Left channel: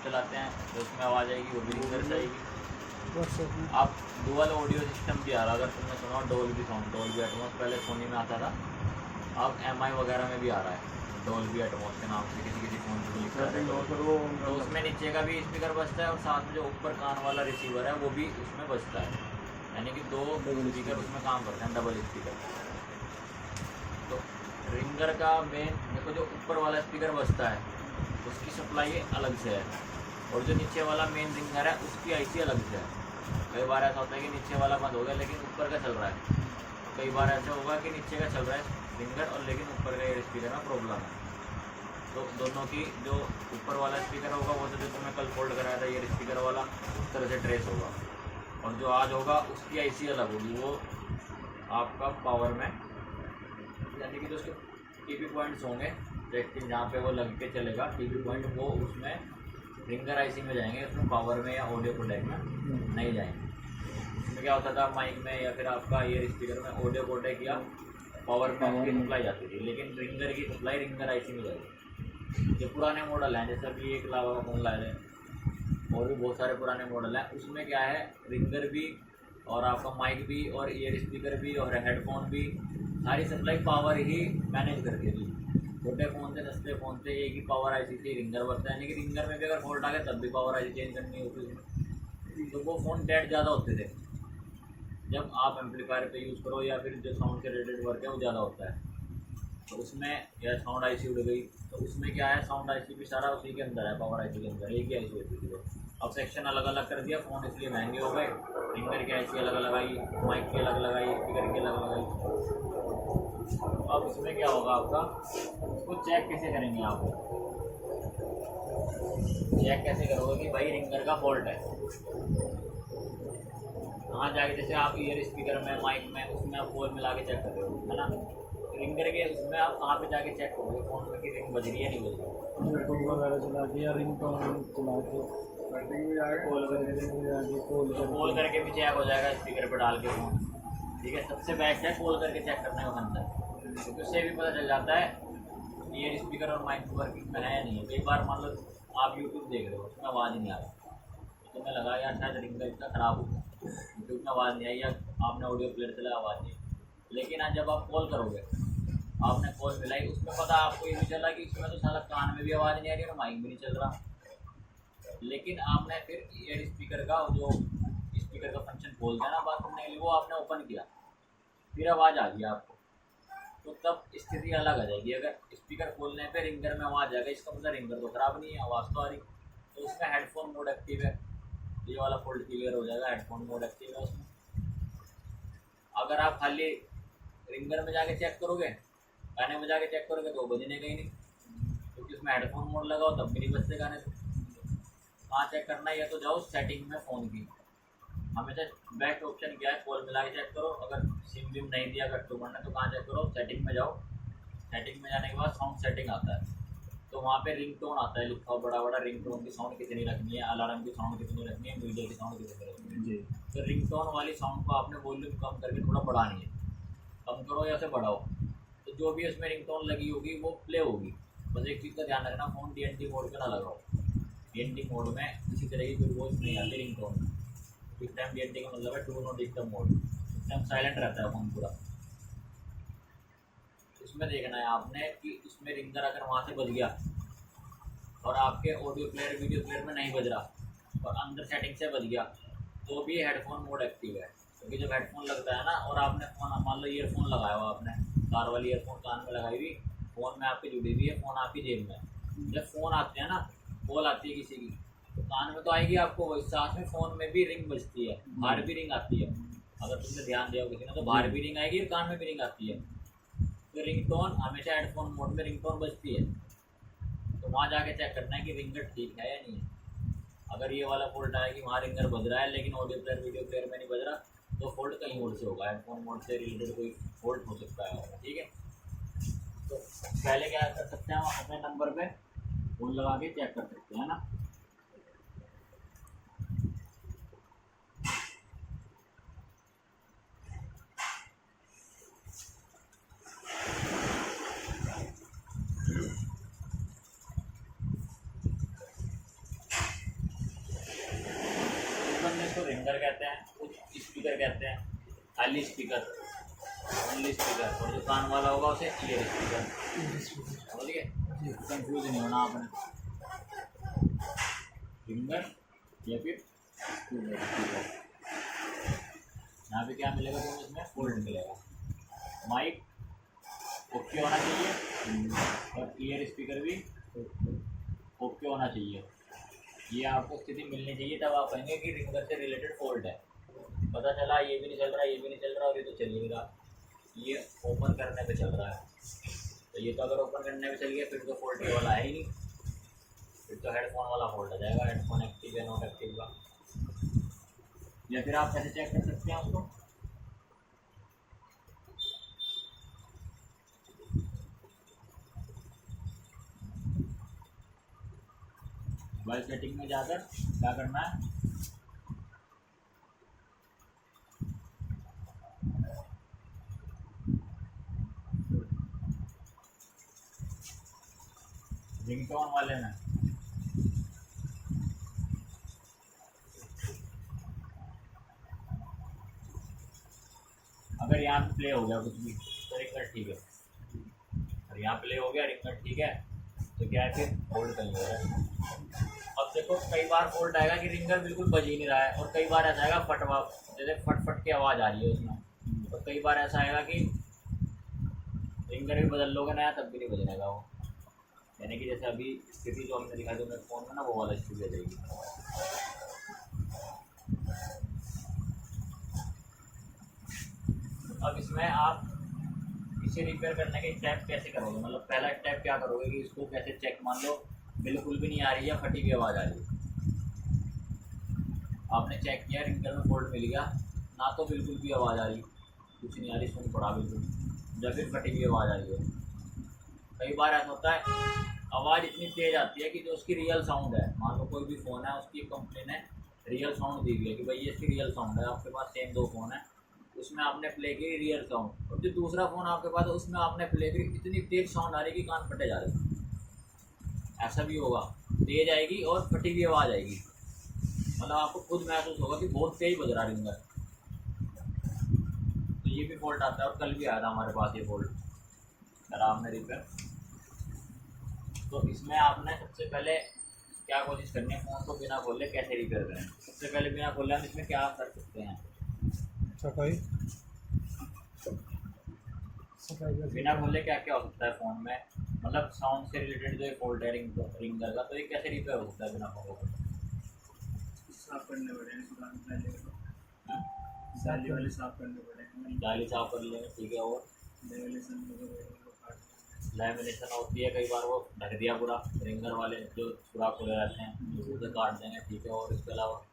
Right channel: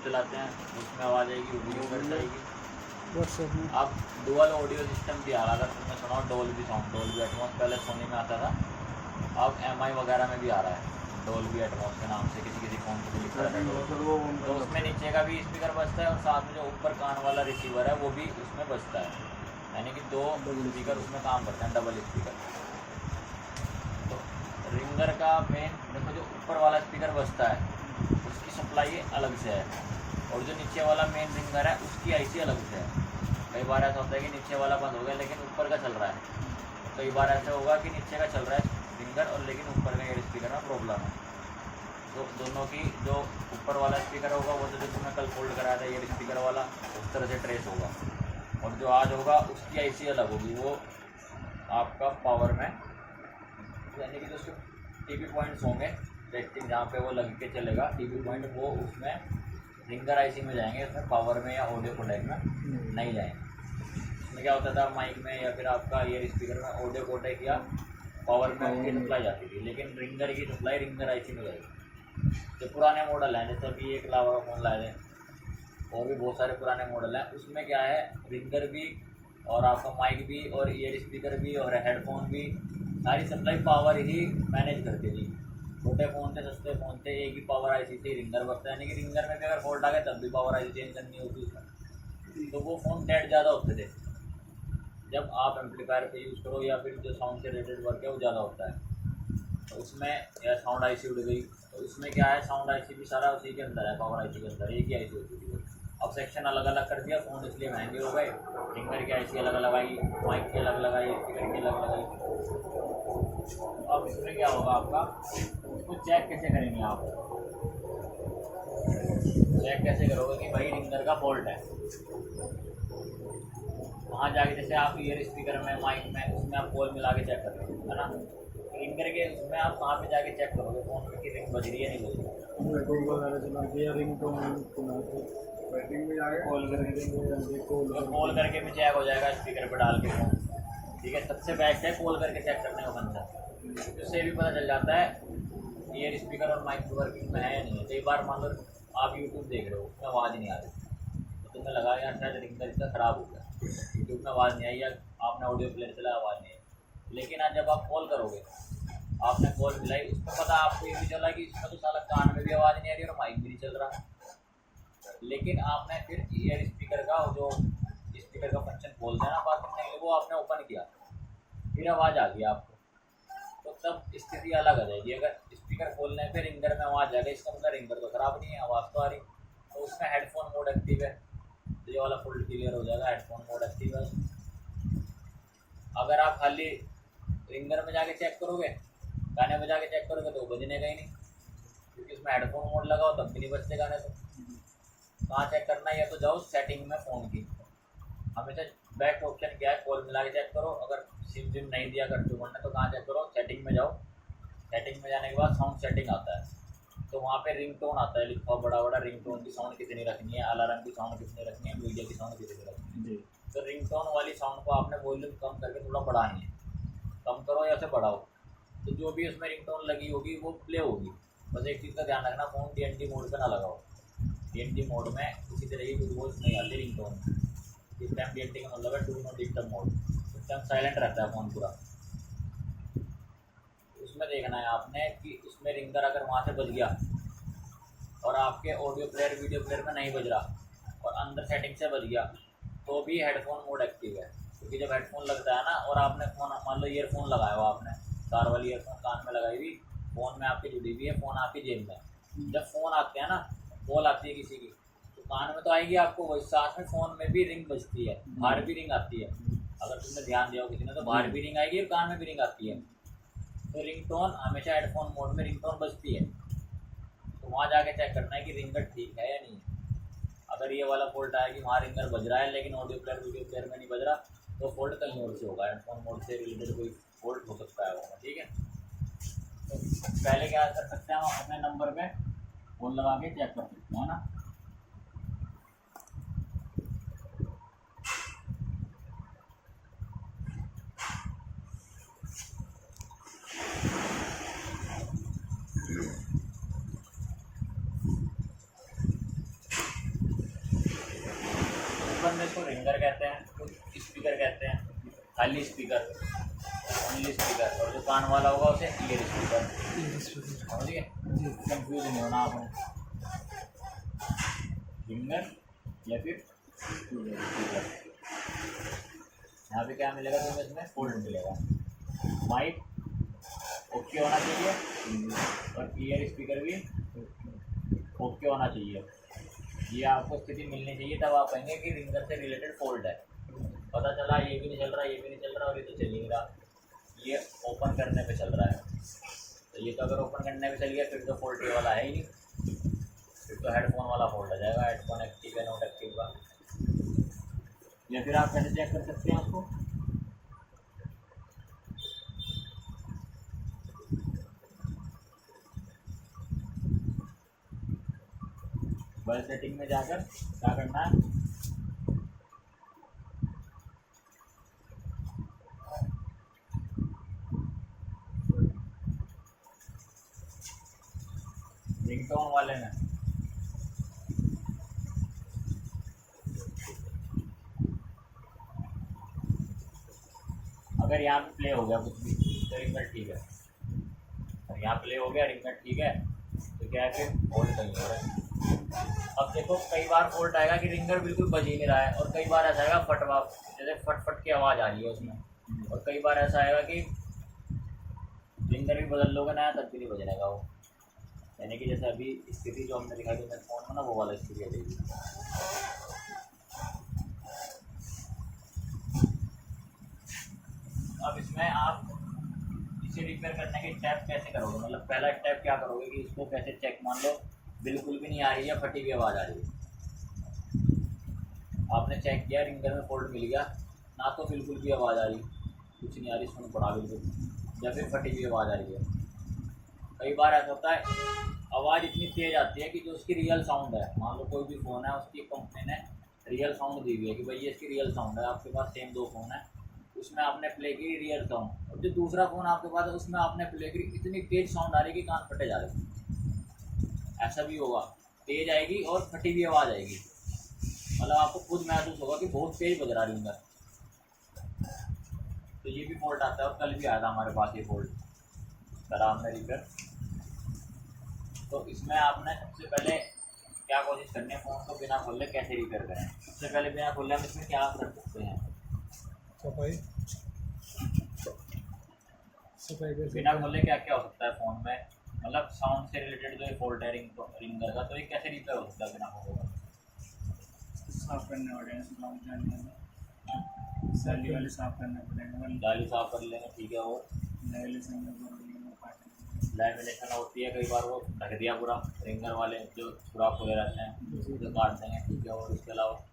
YouTube चलाते हैं तो उसमें आवाज़ आएगी, वो भी रिंगर से आएगी। व्हाट्सएप में अब डुअल ऑडियो सिस्टम भी आ रहा है, अगर तुमने सुना डोल्बी साउंड, डोल्बी एटमॉस पहले सोनी में आता था, अब एमआई वगैरह में भी आ रहा है डोल्बी एटमॉस के नाम से, किसी किसी फ़ोन पर लिखा है। तो उसमें नीचे का भी स्पीकर बजता है और साथ में जो ऊपर कान वाला रिसीवर है वो भी उसमें बजता है, यानी कि दो स्पीकर उसमें काम करते हैं, डबल स्पीकर। तो रिंगर का मेन देखो, जो ऊपर वाला स्पीकर बजता है उसकी सप्लाई अलग से है, और जो नीचे वाला मेन रिंगर है उसकी आईसी अलग से है। कई बार ऐसा होता है कि नीचे वाला बंद हो गया लेकिन ऊपर का चल रहा है, कई बार ऐसा होगा कि नीचे का चल रहा है रिंगर और लेकिन ऊपर का एयर स्पीकर में प्रॉब्लम है। तो दोनों की जो ऊपर वाला स्पीकर होगा वो तो जो तुम्हें कल फोल्ड कराया था एयर स्पीकर वाला, उस तरह से ट्रेस होगा, और जो आज होगा उसकी आईसी अलग होगी, वो आपका पावर में, यानी कि जो उसके टीवी पॉइंट्स होंगे रेक्टिंग जहाँ पे वो लग के चलेगा टीवी पॉइंट, वो उसमें रिंगर आईसी में जाएंगे, उसमें पावर में या ऑडियो कोडेक में नहीं जाएंगे। इसमें क्या होता था माइक में या फिर आपका ईयर स्पीकर में ऑडियो कोडेक या पावर में आपकी सप्लाई जाती थी, लेकिन रिंगर की सप्लाई रिंगर आईसी में जाएगी। जो पुराने मॉडल हैं जैसे अभी एक लावा फोन लाए थे और भी बहुत सारे पुराने मॉडल हैं, उसमें क्या है रिंगर भी और आपका माइक भी और ईयर स्पीकर भी और हेडफोन भी, सारी सप्लाई पावर ही मैनेज करती थी। छोटे फ़ोन से सस्ते फ़ोन से एक ही पावर आईसी से रिंगर बढ़ता है, यानी कि रिंगर में भी अगर फॉल्ट आ गया तब भी पावर आईसी चेंज करनी होती उसमें, तो वो फ़ोन डेड ज़्यादा होते थे। जब आप एम्पलीफायर पे यूज़ करो या फिर जो साउंड से रिलेटेड वर्क है वो ज़्यादा होता है, तो उसमें या साउंड आईसी उड़ गई तो उसमें क्या है साउंड आईसी भी सारा उसी के अंदर है, पावर आईसी के अंदर एक ही आईसी होती थी वो। अब सेक्शन अलग अलग कर दिया, फ़ोन इसलिए महंगे हो गए, रिंगर की आईसी अलग लगाई, माइक की अलग लगाई, स्पीकर की अलग लगाई। अब इसमें क्या होगा आपका, इसको चेक कैसे करेंगे आप, चेक कैसे करोगे कि भाई रिंगर का फॉल्ट है, कहाँ जाके, जैसे आप ईयर स्पीकर में माइक में उसमें आप कॉल मिला के चेक कर रहे हो है ना, रिंगर के उसमें आप कहाँ पे जाके चेक करोगे फ़ोन में कि रिंग बज रही है नहीं बज रही, यूट्यूब वगैरह चला के या रिंग टोन चला के बैटिंग में जाके कॉल करके कॉल करके भी चेक हो जाएगा स्पीकर पर डाल के फ़ोन, ठीक है। सबसे बेस्ट है कॉल करके चेक करने का फंक्शन, क्योंकि उससे भी पता चल जाता है ईयर स्पीकर और माइक वर्किंग में है या नहीं है। कई बार मान लो आप यूट्यूब देख रहे हो उसमें आवाज़ नहीं आ रही, तो तुम्हें लगा यार शायद रिंगर इसका ख़राब हो गया, यूट्यूब में आवाज़ नहीं आई या आपने ऑडियो प्लेयर चलाया आवाज़ नहीं आई, लेकिन आज जब आप कॉल करोगे, आपने कॉल मिलाई, उसमें पता आपको ये भी चला कि इसमें तो साला कान में भी आवाज़ नहीं आ रही और माइक भी नहीं चल रहा, लेकिन आपने फिर ईयर स्पीकर का जो स्पीकर का फंक्शन खोलते हैं ना बात करने के लिए, वो आपने ओपन किया, फिर आवाज़ आ गई आपको, तो तब स्थिति अलग आ जाएगी। अगर स्पीकर खोलने पे रिंगर में आवाज़ आ गई, इसका मतलब रिंगर तो ख़राब नहीं है, आवाज़ तो आ रही, तो उसमें हेडफोन मोड एक्टिव है, तो ये वाला फोल्ड क्लियर हो जाएगा, हेडफोन मोड एक्टिव है उसमें। अगर आप खाली रिंगर में जाके चेक करोगे, गाने बजा के चेक करोगे तो बजने का ही नहीं, क्योंकि उसमें हेडफोन मोड लगाओ तब भी नहीं बजते गाने। तो कहाँ चेक करना है, या तो जाओ सेटिंग में फ़ोन की, हमेशा बेस्ट ऑप्शन क्या है कॉल मिला के चेक करो। अगर सिम विम नहीं दिया कस्टमर ने तो कहाँ चेक करो, सेटिंग में जाओ, सेटिंग में जाने के बाद साउंड सेटिंग आता है, तो वहाँ पे रिंगटोन आता है लिखा हुआ बड़ा बड़ा, रिंगटोन की साउंड कितनी रखनी है, अलार्म की साउंड कितनी रखनी है, मीडिया की साउंड कितनी रखनी है जी। तो रिंगटोन वाली साउंड को आपने वॉल्यूम कम करके थोड़ा बढ़ानी है, कम करो या उसे बढ़ाओ, तो जो भी उसमें रिंगटोन लगी होगी वो प्ले होगी। बस एक चीज़ का ध्यान रखना, फ़ोन TNT मोड पर ना लगाओ, TNT मोड में किसी तरह की कोई वॉइस नहीं आती रिंगटोन में। इस टाइम TNT का मतलब है डू नॉट डिस्टर्ब मोड, इस टाइम साइलेंट रहता है फ़ोन पूरा। उसमें देखना है आपने कि उसमें रिंगर अगर वहाँ से बज गया और आपके ऑडियो प्लेयर वीडियो प्लेयर में नहीं बज रहा और अंदर सेटिंग से बज गया, तो भी हेडफोन मोड एक्टिव है, क्योंकि जब हेडफोन लगता है ना और आपने फ़ोन मान लो ईयरफोन लगाया हो, आपने तार वाली ईयरफोन कान में लगाई हुई, फ़ोन में आपकी जुड़ी हुई है, फ़ोन आपकी जेब में, जब फ़ोन आते हैं ना, कॉल आती है किसी की, तो कान में तो आएगी आपको वही, साथ में फ़ोन में भी रिंग बजती है, बाहर भी रिंग आती है, अगर तुमने ध्यान दिया हो किसी ने तो बाहर भी रिंग आएगी और कान में भी रिंग आती है। तो रिंगटोन हमेशा हेडफोन मोड में रिंगटोन बजती है, तो वहाँ जाके चेक करना है कि रिंगर ठीक है या नहीं है। अगर ये वाला फॉल्ट आया कि वहाँ रिंगर बज रहा है लेकिन ऑडियो प्लेयर वीडियो प्लेयर में नहीं बज रहा, तो फॉल्ट कहीं और से होगा, हेडफोन मोड से रिलेटेड कोई फॉल्ट हो सकता है होगा, ठीक है। तो पहले क्या कर सकते हैं, हम अपने नंबर पे फ़ोन लगा के चेक कर सकते हैं ना। बंदे इसको रिंगर कहते हैं, कुछ स्पीकर कहते हैं, खाली स्पीकर, ओनली स्पीकर, और जो कान वाला होगा उसे ईयर स्पीकर। समझ गए? कंफ्यूज नहीं होना आपने, रिंगर या फिर स्पीकर। यहाँ पे क्या मिलेगा तुम्हें? इसमें फोल्ड मिलेगा। माइक ओके होना चाहिए और ईयर स्पीकर भी ओके होना चाहिए। ये आपको स्थिति मिलनी चाहिए, तब आप कहेंगे कि रिंगर से रिलेटेड फोल्ड है। पता चला ये भी नहीं चल रहा, ये भी नहीं चल रहा और ये तो चल ही नहीं रहा, ये ओपन करने पे चल रहा है। तो ये तो अगर ओपन करने पे चल गया फिर तो फोल्ड ये वाला है ही नहीं, फिर तो हेडफोन वाला फोल्ड आ जाएगा। हेडफोन एक्टिव या नॉट एक्टिव का। या फिर आप कैसे चेक कर सकते हैं उसको? मोबाइल सेटिंग में जाकर क्या करना है, रिंगटोन वाले में अगर यहाँ पे प्ले हो गया कुछ भी तो रिंगर ठीक है, और यहाँ प्ले हो गया रिंगर ठीक है, तो क्या है फिर फोल्ड नहीं हो रहा है। अब देखो कई बार फोल्ड आएगा कि रिंगर बिल्कुल बज ही नहीं रहा है, और कई बार ऐसा आएगा फटवा, जैसे फट फट की आवाज़ आ रही है उसमें, और कई बार ऐसा आएगा कि रिंगर भी बदल लोगे ना तब भी नहीं बजनेगा वो। यानी कि जैसे अभी स्थिति जो हमने दिखाई थी मेरे फ़ोन में ना, वो वाला स्थिति आ जाएगी। अब इसमें आप इसे रिपेयर करने के स्टेप कैसे करोगे? मतलब पहला स्टेप क्या करोगे कि इसको कैसे चेक, मान लो बिल्कुल भी नहीं आ रही है, फटी हुई आवाज़ आ रही है, आपने चेक किया रिंगर में फोल्ड मिल गया ना, तो बिल्कुल भी आवाज़ आ रही, कुछ नहीं आ रही, सुन पड़ा बिल्कुल, या फिर फटी हुई आवाज़ आ रही है। कई बार ऐसा होता है आवाज़ इतनी तेज़ आती है कि जो उसकी रियल साउंड है, मान लो कोई भी फ़ोन है उसकी कंपनी ने रियल साउंड दी हुई है कि भाई ये इसकी रियल साउंड है, आपके पास सेम दो फ़ोन है, उसमें आपने प्ले की रियल साउंड, और जो दूसरा फ़ोन आपके पास है उसमें आपने प्ले की इतनी तेज़ साउंड आ रही कि कान फटे जा रहे। ऐसा भी होगा, तेज़ आएगी और फटी हुई आवाज़ आएगी, मतलब आपको खुद महसूस होगा कि बहुत तेज़ बज रहा रिंगर। तो ये भी फॉल्ट आता है, और कल भी आया था हमारे पास ये फॉल्ट, करा हमने रिपेयर। तो इसमें आपने सबसे पहले क्या कोशिश करनी है, फ़ोन को बिना खोले कैसे रिपेयर करें। सबसे पहले बिना खोले हम इसमें क्या कर सकते हैं, सफाई बिना खोले क्या क्या हो सकता है फ़ोन में, मतलब साउंड से रिलेटेड जो ये फॉल्ट है रिंगर का, तो ये कैसे रिपेयर हो सकता है बिना खोले? साफ करने पड़ेंगे, जाली वाले साफ करने पड़ेंगे, जाली साफ कर लेंगे, ठीक है। और लैमिनेशन होती है, कई बार वो ढक दिया पूरा, रिंगर वाले जो सुराख खुले रहते हैं उसे काट देंगे, ठीक है। और इसके अलावा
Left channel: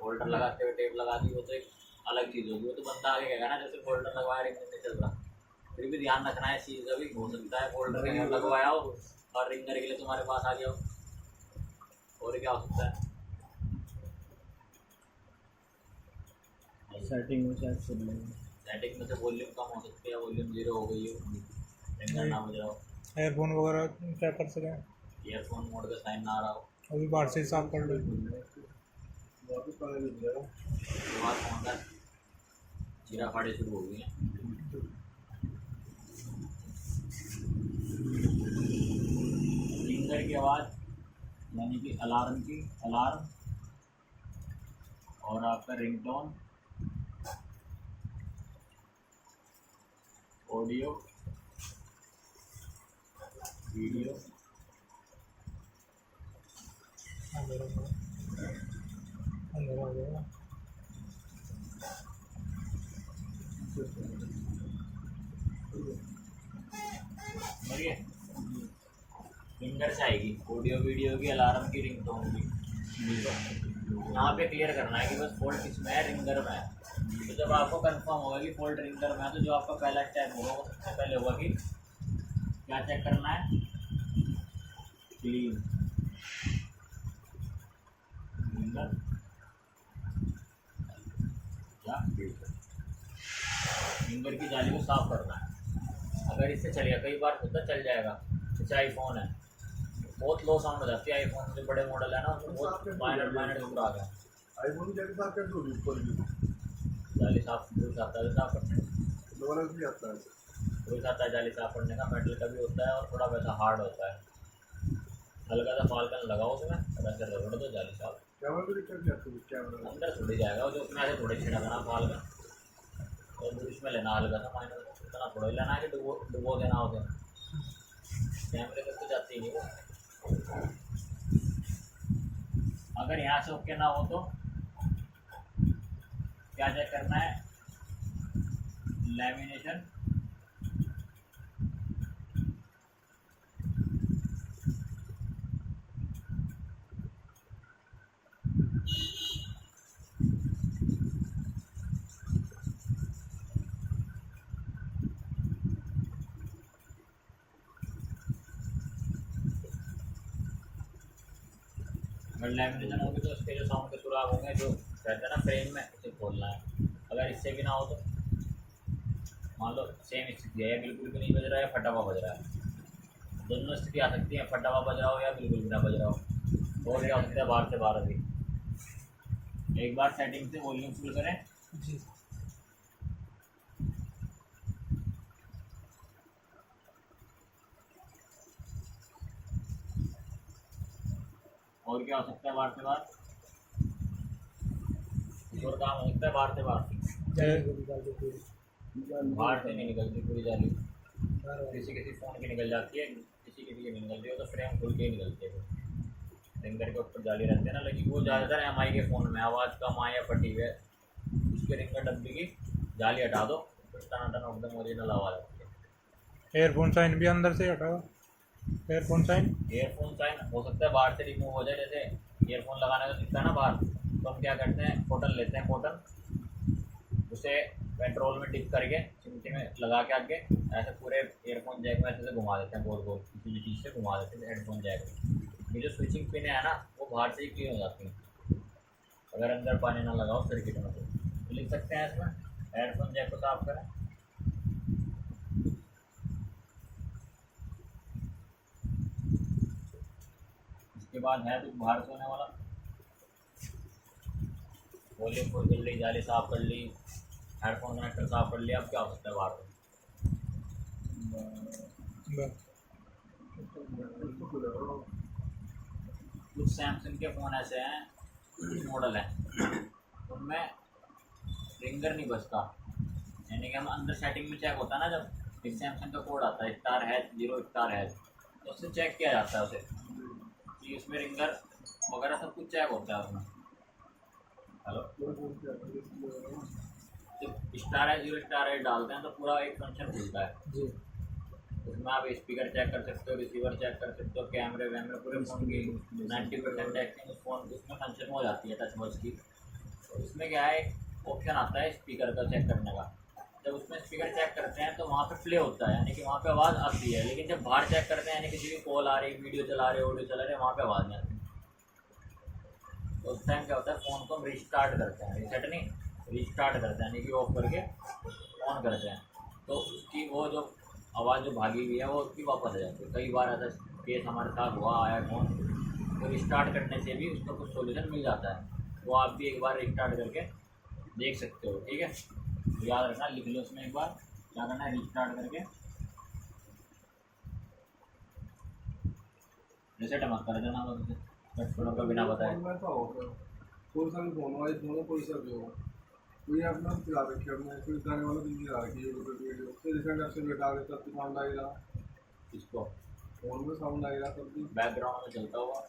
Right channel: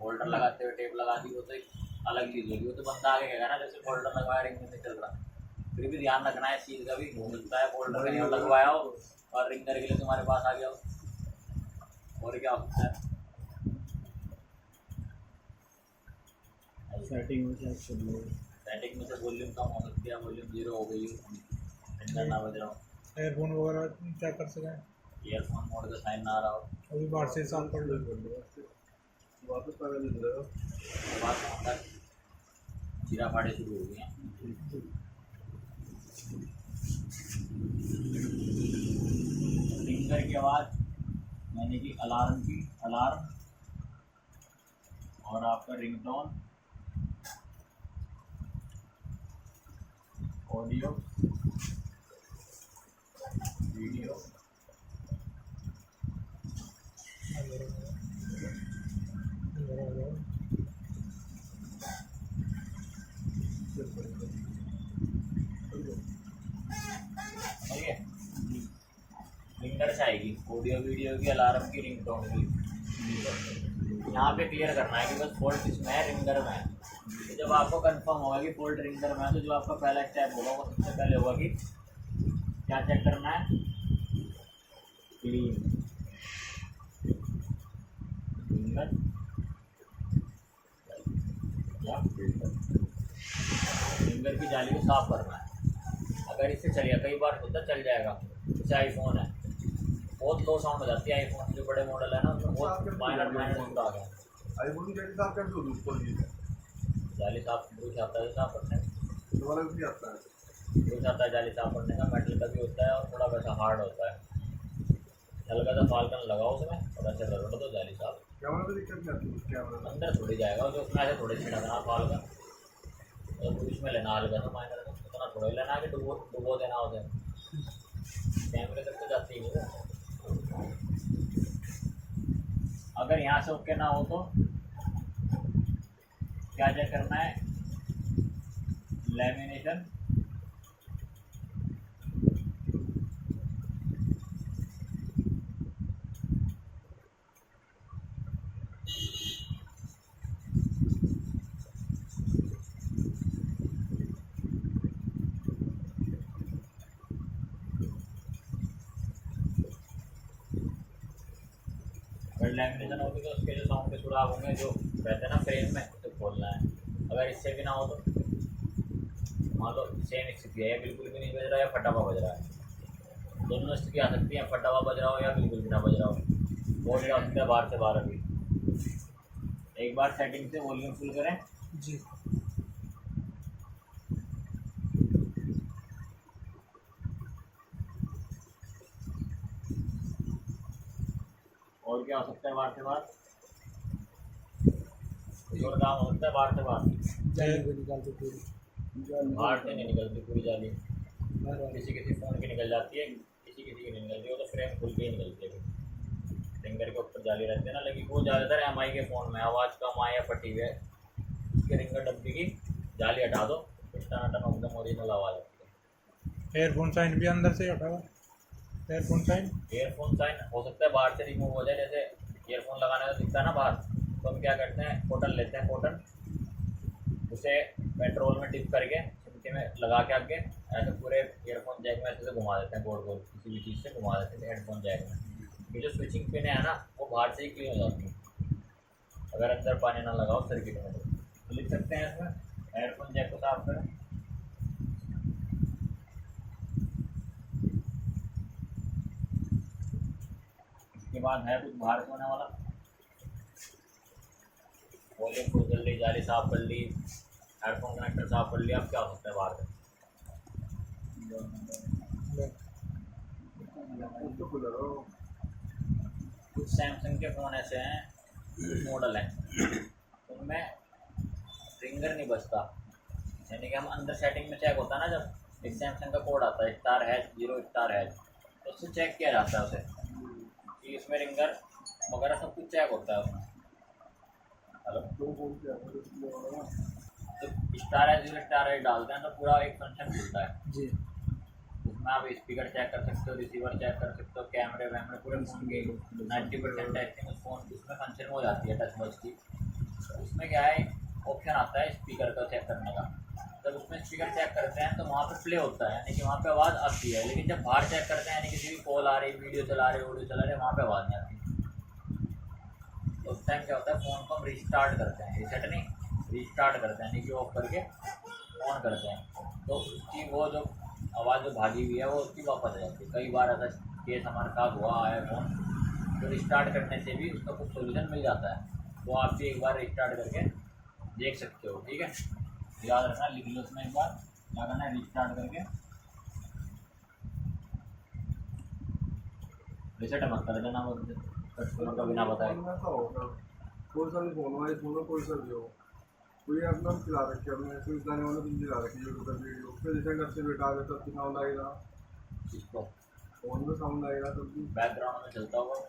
होल्डर लगाते हुए टेप लगा दी, वो तो एक अलग चीज़ होगी, वो तो बंदा आगे कहेगा ना जैसे फोल्डर लगवाया रिंगर नहीं चल रहा। फिर भी ध्यान रखना है इस चीज़ का भी, हो सकता है फोल्डर कहीं और लगवाया हो और रिंगर के लिए तुम्हारे पास आ गया हो, और क्या हो सकता है। सेटिंग में से वॉल्यूम कम हो सकती है, वॉल्यूम 0 हो गई हो, रिंगर ना बज रहा हो, एयरफोन वगैरह चेक कर सकें, ईयरफोन मोड का साइन ना आ रहा हो, अभी बाहर से साफ कर लो, वापस समझदार चीरा फाड़े शुरू हो गई हैं। रिंगर की आवाज़ यानी कि अलार्म की, अलार्म, और आपका रिंगटोन, ऑडियो, वीडियो, अंदर आ जाएगा। समझिए रिंगर से आएगी, ऑडियो वीडियो की, अलार्म की, रिंगटोन की। यहाँ पे क्लियर करना है कि बस फॉल्ट किसमें है, रिंगर में है। तो जब आपको कंफर्म होगा कि फॉल्ट रिंगर में है, तो जो आपका पहला स्टेप होगा वो सबसे पहले होगा कि क्या चेक करना है, क्लीन रिंगर या फिल्टर, रिंगर की जाली को साफ करना है। अगर इससे चलिए, कई बार होता चल जाएगा, जैसे आईफोन है, बहुत लो साउंड हो जाती है आईफोन जो बड़े मॉडल है ना उसमें बहुत माइनर माइनर साउंड आ गया। आईफोन की साफ कैसे होगी ऊपर की? जाली साफ ब्रूस आता है साफ करने, दोबारा भी आता है। ब्रूस आता है जाली साफ करने का, मेटल का भी होता है और थोड़ा वैसा हार्ड होता है। हल्का सा फाल्कन लगाओ उसमें और ऐसे रगड़ दो जाली साफ। कैमरा भी दिक्कत नहीं आती कैमरा में। अंदर थोड़ी जाएगा जो उसमें ऐसे थोड़े छिड़कना फाल्कन और ब्रूस में लेना हल्का सा माइनर का, इतना थोड़ा ही लेना है कि डुबो देना उसे। कैमरे तक तो जाती ही नहीं वो। अगर यहाँ से ओके ना हो तो क्या चेक करना है, लैमिनेशन, अगर लैमिनेशन होगी तो उसके जो साउंड के सुराग होंगे जो रहते हैं ना फ्रेम में उसे खोलना है। अगर इससे भी ना हो तो मान लो सेम स्थिति है या बिल्कुल भी नहीं बज रहा या फटा हुआ बज रहा है, दोनों स्थिति आ सकती है, फटा हुआ बज रहा हो या बिल्कुल भी ना बज रहा हो। वो भी आ सकता है बाहर से बाहर। अभी एक बार सेटिंग से वॉल्यूम फुल करें जी। और क्या हो सकता है बाहर से बाहर, कुछ और काम हो सकता है बाहर से बाहर। जाली को निकाल के पूरी बाहर से नहीं निकलती पूरी जाली, बाहर वाली। किसी किसी फ़ोन की निकल जाती है, किसी किसी की नहीं निकलती, वो तो फ्रेम खुल के ही निकलती है। रिंगर के ऊपर जाली रहती है ना लगी, वो ज़्यादातर MI के फ़ोन में आवाज़ कम आए या फटी हुई है उसके रिंगर डब्बी की जाली हटा दो, फिर टनाटन एकदम ओरिजिनल आवाज़ आती है। एयरफोन साइन भी अंदर से हटा हुआ, एयरफोन साइन। ईयरफोन साइन हो सकता है बाहर से रिमूव हो जाए, जैसे ईयरफोन लगाने का दिखता है ना बाहर, तो हम क्या करते हैं कॉटन लेते हैं, कॉटन उसे पेट्रोल में डिप करके चिमटे में लगा के आगे ऐसे पूरे ईयरफोन जैक में ऐसे से घुमा देते हैं, गोल गोल किसी भी चीज़ से घुमा देते हैं हेडफोन जैक में। ये जो स्विचिंग पिन है ना वो बाहर से ही क्लीन हो जाती है अगर अंदर पानी ना लगाओ सर्किट में। तो लिख सकते हैं इसमें हेडफोन जैक को साफ करें। इसके बाद है कुछ बाहर से होने वाला, वॉल्यूम फुल कर ली, जाली साफ कर ली, हेडफोन कनेक्टर साफ कर लिया। अब क्या हो सकता है बाहर से, तो खुला रहो। कुछ सैमसंग के फ़ोन ऐसे हैं, कुछ मॉडल हैं उनमें रिंगर नहीं बजता, यानी कि हम अंदर सेटिंग में चेक होता है ना, जब एक सैमसंग का कोड आता है *#0 तो उससे चेक किया जाता है उसे कि इसमें रिंगर वगैरह सब कुछ चेक होता है उसमें। हेलो, तो *#0 डालते हैं तो पूरा एक फंक्शन खुलता है जी। उसमें आप स्पीकर चेक कर सकते हो, रिसीवर चेक कर सकते हो, कैमरे वैमरे पूरे फ़ोन की 90% टेस्टिंग उस फोन उसमें फंक्शन हो जाती है टच वॉच की। तो उसमें क्या है ऑप्शन आता है स्पीकर का चेक करने का, जब उसमें स्पीकर चेक करते हैं तो वहाँ पे प्ले होता है, यानी कि वहाँ पे आवाज़ आती है। लेकिन जब बाहर चेक करते हैं यानी किसी भी कॉल आ रही, वीडियो चला रहे, ऑडियो चला रहे, वहाँ पे आवाज़ नहीं आती। तो उस टाइम क्या होता है फ़ोन को हम रिस्टार्ट करते हैं, रीसेट नहीं रिस्टार्ट करते हैं, यानी कि ऑफ करके ऑन करते हैं, तो उसकी वो जो आवाज़ जो भागी हुई है वो उसकी वापस आ जाती है। कई बार ऐसा केस हमारे साथ हुआ आया फ़ोन, तो रिस्टार्ट करने से भी उसका कुछ सोल्यूशन मिल जाता है। वो आप भी एक बार रिस्टार्ट करके देख सकते हो, ठीक है। याद रखना, लिख लो उसमें एक बार क्या करना है, रिस्टार्ट करके रिसेट मत कर देना कस्टमर का बिना बताए। कोई सा भी फोन हो, आईफोन हो, कोई सा भी हो, कोई अपना चला रखी है, हमने कोई गाने वाला दिन चला रखी है यूट्यूब पर वीडियो, फिर रिसेंट आपसे बेटा आगे तब साउंड आएगा, इसको फोन में साउंड आएगा, तब भी बैकग्राउंड में चलता होगा,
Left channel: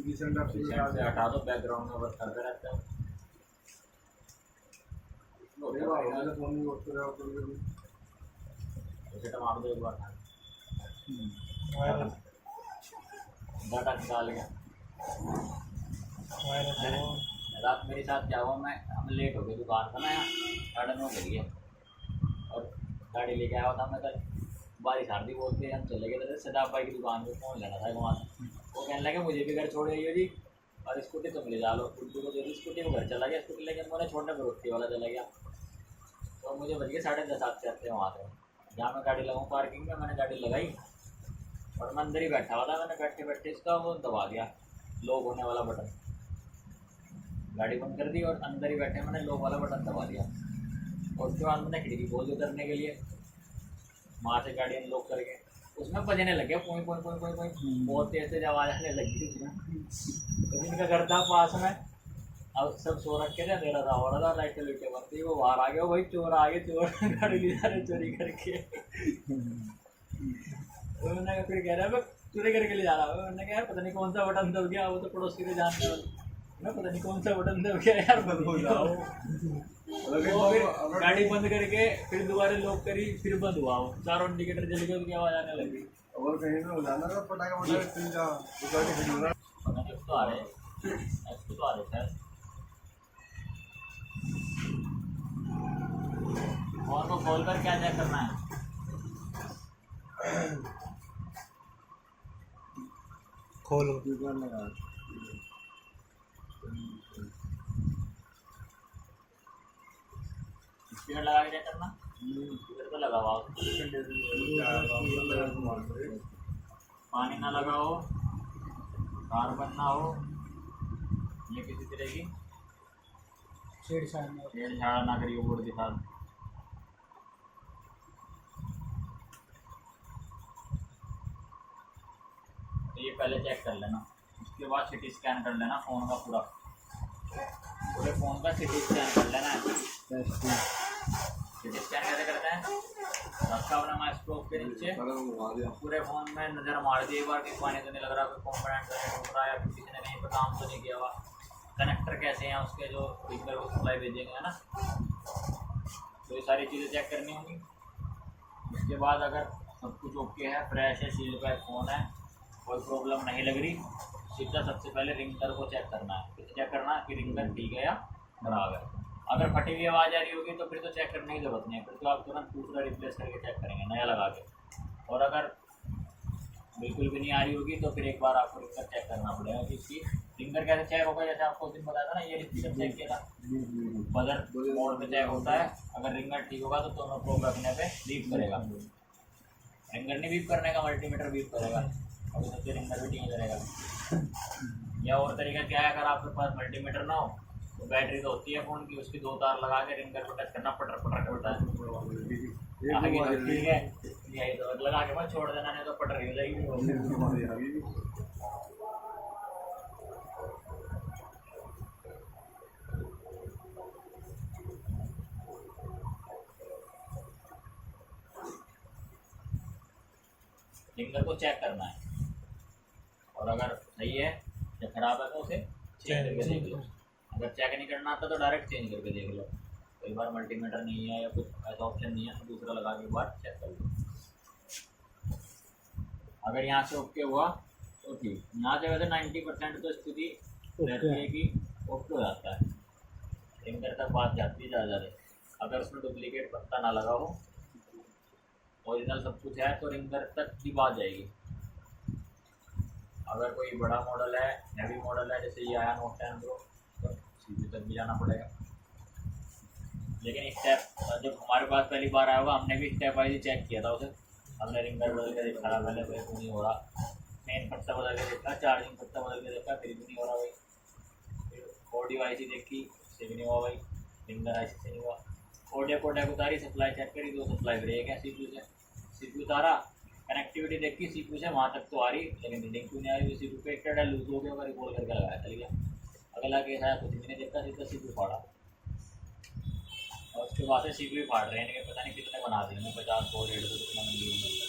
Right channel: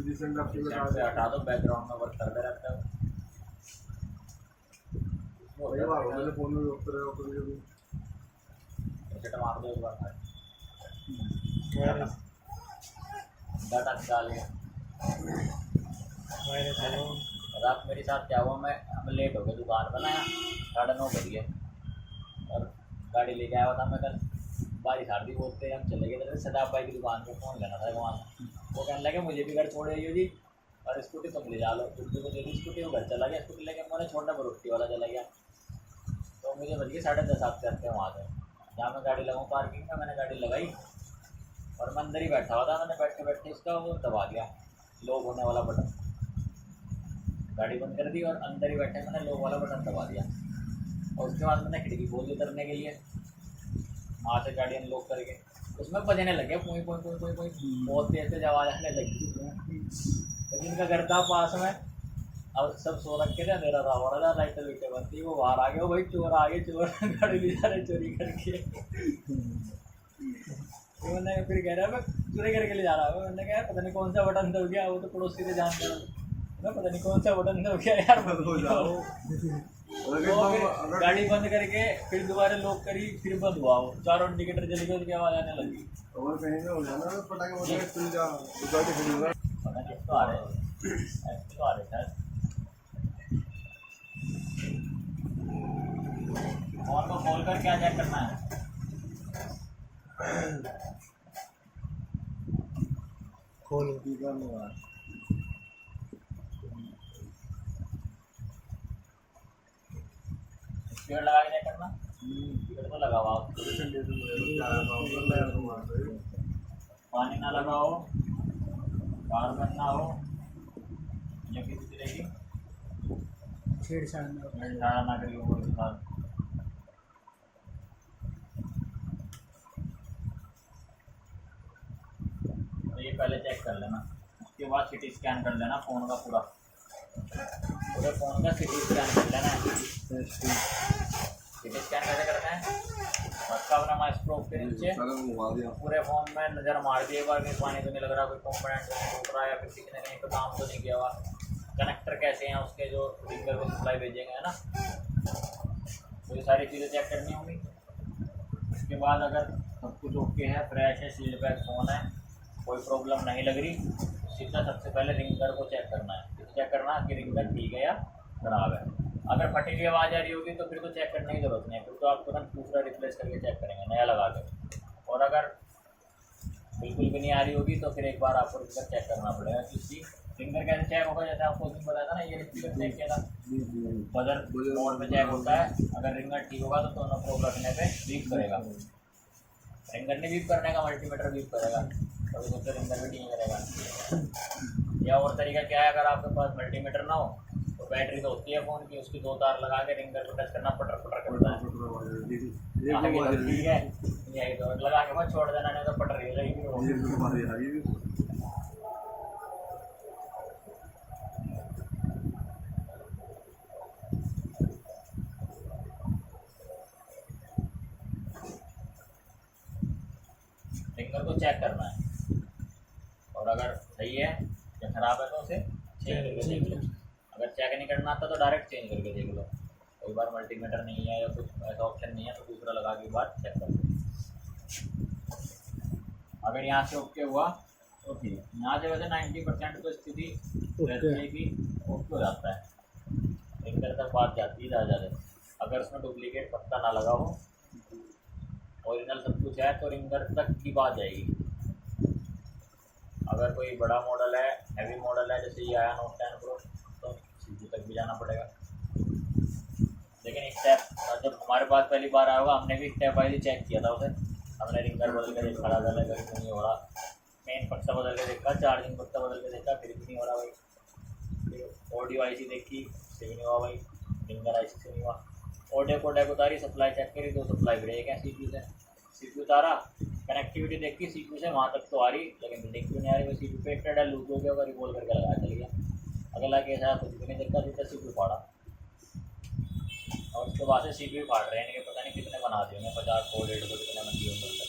रिसेंट आपसे बेटा रिसेंट से हटा दो, बैकग्राउंड में वर्क करते रहता है। वही बात हो गई, फोन में वर्क कर रहा हो कभी कभी। रिसेट मार दो एक बार खाली, वायरस डाटा निकाल लिया। वायरस रात मेरे साथ क्या हुआ, मैं हम लेट हो गए दुकान पर ना, यहाँ 9:30 बज गए और गाड़ी लेके आया था मैं कल, बारिश आ रही बोलते हम चले गए थे सदाब भाई की दुकान पे, फ़ोन लेना था वहाँ से। वो कहने लगे मुझे भी घर छोड़े जी और स्कूटी तुम ले जा लो, उर्दू को दे दी स्कूटी, वो घर चला गया, स्कूटी लेके मैंने छोड़ने पर रोटी वाला चला गया। तो मुझे बज गए 10:30 आते आते वहाँ से, जहाँ मैं गाड़ी लगाऊँ पार्किंग में, मैंने गाड़ी लगाई और मैं अंदर ही बैठा हुआ था, मैंने बैठे बैठे इसका वो दबा दिया, लॉक होने वाला बटन। गाड़ी बंद कर दी और अंदर ही बैठे मैंने लॉक वाला बटन दबा दिया। और उसके बाद मैंने खिड़की खोल दी उतरने के लिए, वहाँ से गाड़ी अनलॉक करके उसमें बजने लगे पोई पोई पोई पोई पोई, बहुत तेज तेज आवाज़ आने लगी। तो जिनका घर था पास में, अब सब सो रखे थे, अंधेरा था, हो रहा था, लाइटें लुटे बंद थी, वो बाहर आ गया, भाई चोर आ गए, चोर गाड़ी ले जा रहे चोरी करके। तो मैंने कहा, फिर कह रहा है मैं चोरी करके ले जा रहा हूँ। मैंने कहा पता नहीं कौन सा बटन दब गया, वो तो पड़ोसी से जानते हो ना, पता नहीं कौन सा बटन दब गया यार। हो जाओ वो फिर गाड़ी बंद करके फिर दोबारा लॉक करी, फिर बंद हुआ, वो चारों इंडिकेटर जल गए, उसकी आवाज़ आने लगी। और कहीं पे हो जाना ना, पटाखा पटाखा चल जा, तो गाड़ी खड़ी होगा। पता नहीं तो आ रहे हैं, ऐसे तो आ रहे शायद। फोन को खोल कर क्या चेक करना है? खोलो। स्पीकर लगा के चेक करना, स्पीकर तो लगा हुआ, पानी ना लगा हो, कार्बन ना हो, या किसी तरह की छेड़छाड़ ना करिए बोर्ड के साथ। तो ये पहले चेक कर लेना, उसके बाद सिटी स्कैन कर लेना फ़ोन का पूरे फ़ोन का सिटी स्कैन कर लेना है। सिटी स्कैन कैसे करते हैं? रखा अपना माइक्रोस्कोप के नीचे, पूरे फ़ोन में नज़र मार दी एक बार, कहीं पानी तो नहीं लग रहा, कोई कंपोनेंट तो नहीं टूट रहा, या फिर किसी ने कहीं पर काम तो नहीं किया हुआ, कनेक्टर कैसे हैं उसके जो रिंगर को सप्लाई भेजेंगे, है ना। तो ये सारी चीज़ें चेक करनी होंगी। उसके बाद अगर सब कुछ ओके है, फ्रेश है, सील पैक फ़ोन है, कोई प्रॉब्लम नहीं लग रही, सीधा सबसे पहले रिंगर को चेक करना है। किसे चेक करना है कि रिंगर ठीक है या ख़राब है। अगर फटी हुई आवाज़ आ रही होगी तो फिर तो चेक करने की ज़रूरत नहीं है, फिर तो आप तुरंत दूसरा रिप्लेस करके चेक करेंगे नया लगा के। और अगर बिल्कुल भी नहीं आ रही होगी तो फिर एक बार आपको रिंगर चेक करना पड़ेगा कि इसकी रिंगर कैसे चेक होगा। जैसे आपको उस दिन बताया था ना, ये रिंगर चेक किया था, बजर मोड में चेक होता है। अगर रिंगर ठीक होगा तो दोनों को रखने पे बीप करेगा, रिंगर नहीं बीप करने का, मल्टीमीटर बीप करेगा, और उससे रिंगर भी ठीक करेगा। या और तरीका क्या है, अगर आपके पास मल्टीमीटर ना हो तो बैटरी तो होती है फ़ोन की, उसकी 2 तार लगा के रिंगर को टच करना, पटर पटर करता है। आगे तो ठीक है, यही तो लगा के मत छोड़ देना, नहीं तो पटर ही रहेगी वो। रिंगर को चेक करना है, और अगर सही है या ख़राब है तो उसे चेंज करके देख लो। अगर चेक नहीं करना आता तो डायरेक्ट चेंज करके देख लो। कई बार मल्टीमीटर नहीं है या कुछ ऐसा ऑप्शन नहीं है तो दूसरा लगा के बाद चेक कर लो। अगर यहाँ से ओके हुआ तो ठीक, यहाँ से वैसे 90% तो स्थिति रहती है कि ओके हो जाता है, रिंगर तक बात जाती है ज़्यादा। अगर उसमें डुप्लीकेट पत्ता ना लगा हो, ओरिजिनल सब कुछ है, तो रिंगर तक की बात जाएगी। अगर कोई बड़ा मॉडल है, हैवी मॉडल है, जैसे ये आया नोट 10 प्रो, तो सीधे तक भी जाना पड़ेगा। लेकिन स्टेप जब हमारे पास पहली बार आया होगा, हमने भी स्टेप वाइज चेक किया था उसे। हमने रिंगर बदल के देखा, पहले कोई भी नहीं हो रहा, मेन पट्टा बदल के देखा, चार्जिंग पट्टा बदल के देखा, फिर भी नहीं हो रहा भाई। फिर ऑडियो IC देखी, से भी नहीं हुआ भाई, रिंगर IC से नहीं हुआ। ऑडियो कोडेक उतारी, सप्लाई चेक करी, 2 सप्लाई ब्रेक है CPU से, CPU उतारा, कनेक्टिविटी देखी CPU से वहाँ तक तो आ रही, लेकिन रीडिंग क्यों नहीं आ रही, वो CPU पे एक्टेड है, लूज हो गया होगा, रिकॉल करके लगाया चल गया। अगला केस आया, कुछ भी नहीं देखा, सीधा CPU फाड़ा, और उसके बाद से CPU फाड़ रहे हैं, इनके पता नहीं कितने बना दिए उन्हें, 50 100 150 कितने बन दिए उन्होंने।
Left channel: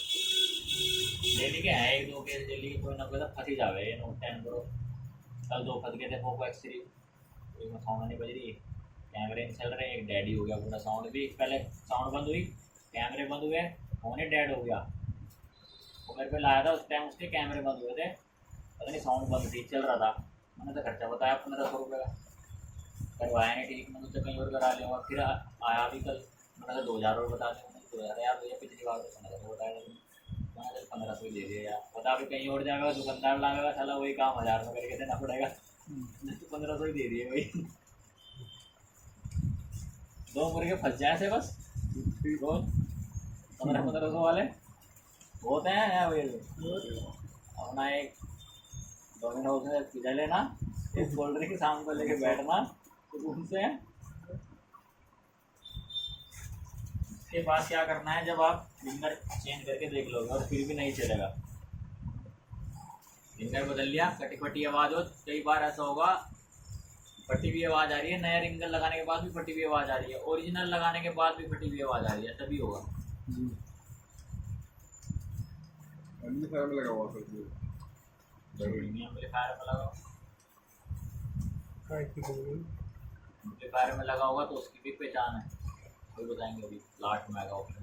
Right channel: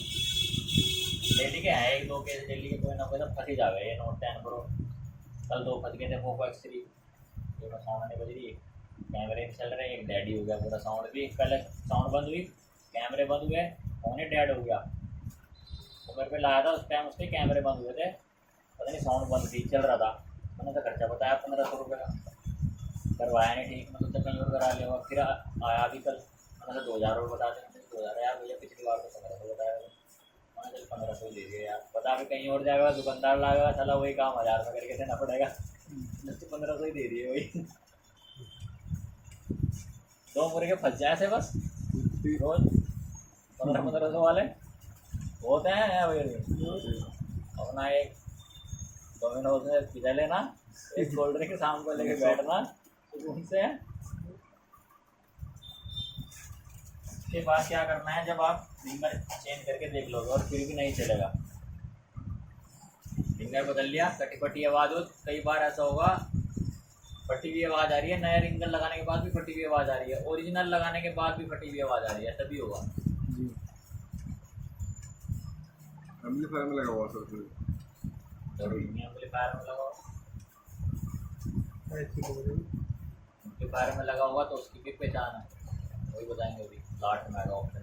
डेली के हैं 1-2 केस, डेली के कोई ना कोई तो फंस ही जावे। ये नोट 10 प्रो कल 2 फंस गए थे, पोको X3, ये में साउंड नहीं बज रही है, कैमरे नहीं चल रहे, एक डैडी हो गया पूरा, साउंड भी पहले साउंड बंद हुई, कैमरे बंद हुए, फ़ोन ही डेड हो गया। वो मेरे पे लाया था उस टाइम, उसके कैमरे बंद हुए थे, पता नहीं साउंड बंद थी, चल रहा था। मैंने तो खर्चा बताया 1500 रुपये का, करवाया नहीं ठीक, मैंने तो कहीं और करा लिया। फिर आया भी कल, मैंने तो 2000 रुपये बता दें, 2000 यार भैया, पिछली बार तो 1500 बताया था, मैंने चल 1500 ही दे दिया यार, पता भी कहीं और जाएगा, दुकानदार लागेगा, चला वही काम 1000 में करके देना पड़ेगा, तो 1500 ही दे दिए वही। 2 मुर्गे फंस जाए थे बस रोज 1500 वाले, होते हैं भाई, अपना एक डोमिनोज में पिज़्ज़ा लेना, एक कोल्ड ड्रिंक शाम को लेके बैठना उनसे। उसके बाद क्या करना है, जब आप रिंगर चेंज करके देख लोगे और फिर भी नहीं चलेगा, रिंगर बदल लिया, कटी फटी आवाज़ हो, कई बार ऐसा होगा फटी हुई आवाज़ आ रही है, नया रिंगर लगाने के बाद भी फटी हुई आवाज़ आ रही है, ओरिजिनल लगाने के बाद भी फटी हुई आवाज़ आ रही है, तभी होगा। जी एम्पलीफायर में लगा हुआ सर फिर जरूरी नहीं एम्पलीफायर में लगाओ, किलो एम्पलीफायर में लगा होगा तो उसकी भी पहचान है, वही बताएंगे अभी लास्ट में आएगा ऑप्शन।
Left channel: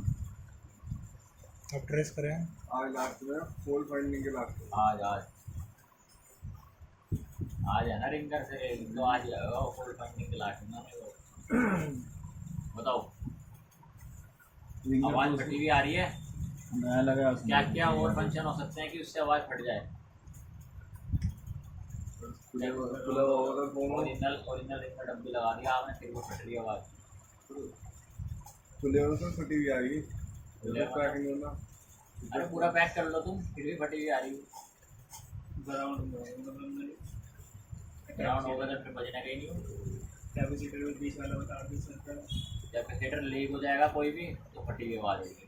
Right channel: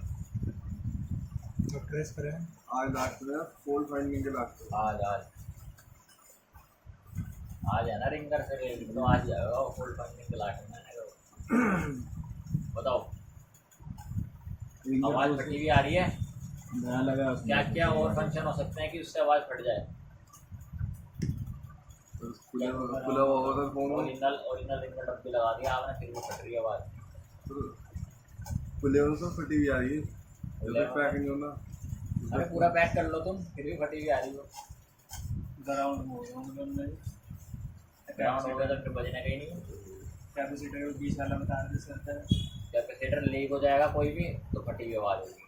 अब ट्रेस करें। आज लास्ट में फोल्ड फाइंडिंग के लास्ट में आज है ना रिंगर से तो आज जाएगा फुल फाइंडिंग के लास्ट में बताओ। आवाज़ फटी हुई आ रही है, नया लगा क्या क्या और फंक्शन हो सकते हैं कि उससे आवाज़ फट जाए। खुला हुआ होगा सर फोन ओरिजिनल रिंगर डब्बी लगा दिया आपने, फिर वो फट रही है आवाज़। खुले होने से फटी हुई आ रही है, खुले जब पैक नहीं होना। अरे पूरा पैक कर लो तुम, फिर भी फटी हुई आ रही हो। ग्राउंड ग्राउंड होगा तो फिर बजना कहीं नहीं। कैपेसिटर में 20 वाला बता दे सकता है। कैपेसिटर लीक हो जाएगा कोई भी तो फटी हुई आवाज़ होगी,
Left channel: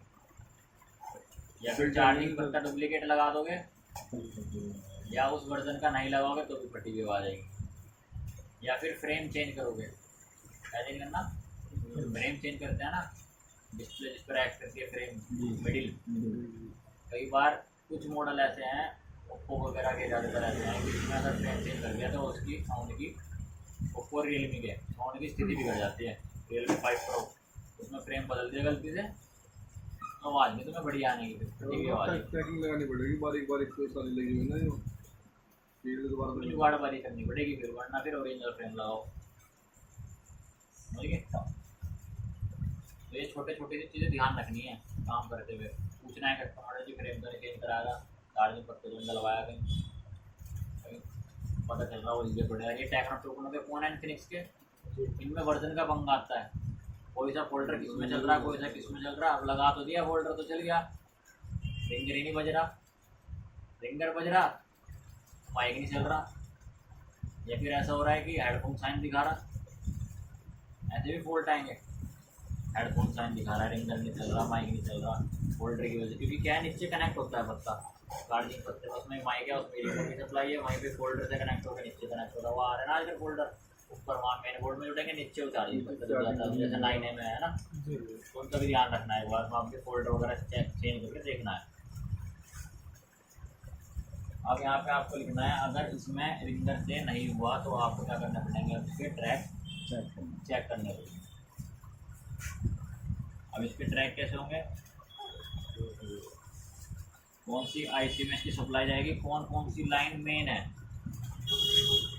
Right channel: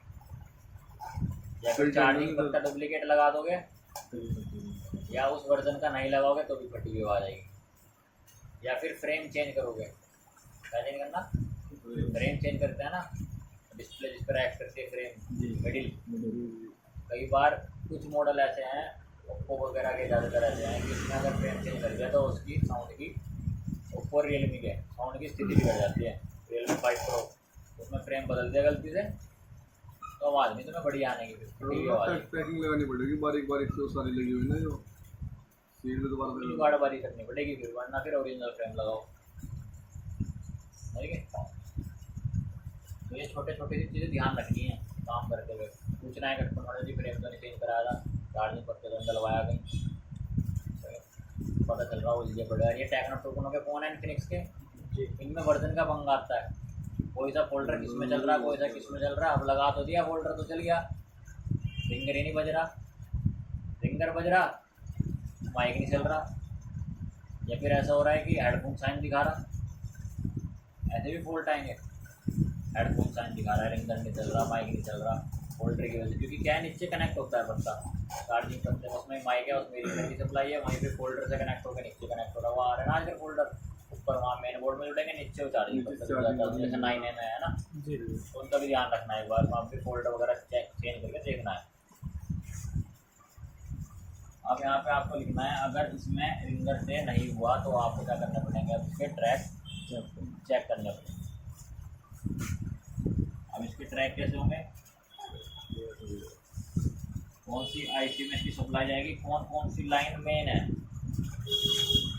या फिर चार्जिंग पत्ता डुप्लीकेट लगा दोगे या उस वर्जन का नहीं लगाओगे तो भी फटी हुई आवाज़ आएगी, या फिर फ्रेम चेंज करोगे। क्या चेंज करना, फ्रेम चेंज करते हैं ना, डिस्प्ले जिस पर एक्ट करती है फ्रेम मिडिल। कई बार कुछ मॉडल ऐसे हैं ओप्पो वगैरह के ज़्यादातर ऐसे हैं कि इसमें अगर फ्रेम चेंज कर दिया तो उसकी साउंड की, ओप्पो रियलमी के साउंड की स्थिति बिगड़ जाती है। रियलमी 5 प्रो उसमें फ्रेम बदल दिया गलती से तो आवाज़ नहीं तुम्हें बढ़िया आने की, फिर फटी हुई आवाज़ आएगी। पैकिंग लगानी पड़ेगी, बारीक बारीक से सारी लगी हुई ना जो सीट पे दोबारा बार बारी करनी पड़ेगी फिर, वरना फिर ओरिजिनल फ्रेम लगाओ। समझ गए? तो ये छोटे छोटे सी चीज़ें ध्यान रखनी है काम करते हुए। पूछना है कस्टमर जी फ्रेम तो नहीं चेंज कराया था, चार्जिंग पत्ते तो नहीं डलवाया कहीं, पता चल रहा वो चीज़ें बढ़िया। ये टेक्नो टोकनो के फ़ोन हैं इन्फिनिक्स के, इनमें वर्जन का पंगा आता है, कोई सा फोल्डर किस में चल रहा है, कोई सा किस में चल रहा है। अब लगा तो दिया फोल्डर तो चल गया, रिंगर ही नहीं बज रहा, रिंगर बज रहा माइक नहीं चल रहा, या फिर ऐसा हो रहा है कि हेडफोन साइन दिखा रहा, ऐसे भी फॉल्ट आएंगे। हेडफोन साइन दिखा रहा है, रिंगर नहीं चल रहा, माइक नहीं चल रहा, फोल्डर की वजह से, क्योंकि क्या है नीचे कनेक्ट होता है पत्ता चार्जिंग पत्ते, उसमें माइक है, उसमें रिंगर की सप्लाई है, वहीं पे फोल्डर से कनेक्ट होकर नीचे कनेक्ट होता है। वो आ रहा है ना आजकल फोल्डर ऊपर वहाँ मेन बोर्ड में जुड़ेंगे, नीचे वो चार्जिंग पत्ता जुड़ जाता है, जैसे 9A में है ना, जी उनका भी ध्यान रखना है एक बार, वहाँ पे फोल्डर वगैरह चेंज करके देखना है। अब यहाँ पे आपको लिखना है अगर इसमें रिंगर से नहीं हुआ तो आपको क्या करना पड़ेंगे, अब इसके ट्रैक चेक करने पड़ेंगे। अब इसके ट्रैक कैसे होंगे, कौन सी आईसी में इसकी सप्लाई जाएगी, कौन कौन सी लाइन मेन है।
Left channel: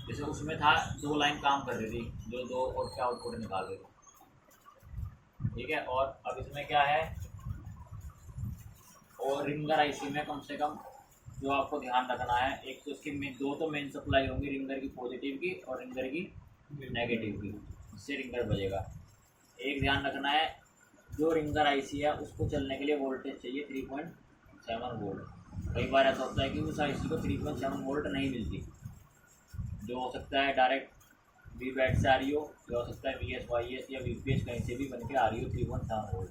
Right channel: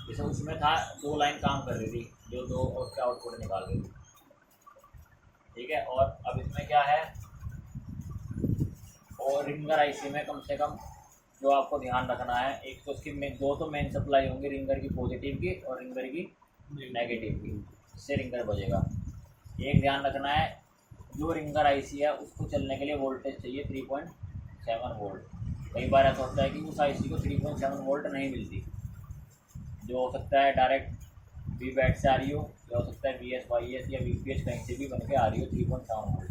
जैसे उसमें था 2 लाइन काम कर रही थी जो 2 आउटपुट निकाल रही थी, ठीक है। और अब इसमें क्या है, और रिंगर आईसी में कम से कम जो आपको ध्यान रखना है, एक तो उसकी दो तो मेन सप्लाई होंगी, रिंगर की पॉजिटिव की और रिंगर की नेगेटिव की, इससे रिंगर बजेगा। एक ध्यान रखना है, जो रिंगर आईसी है उसको चलने के लिए वोल्टेज चाहिए 3.7 वोल्ट। कई बार ऐसा होता है कि उस आईसी को 3.7 वोल्ट नहीं मिलती, जो हो सकता है डायरेक्ट वी बैट से आ रही हो, या हो सकता है VS YS या VPH कहीं से भी बन के आ रही हो 3.7 वोल्ट।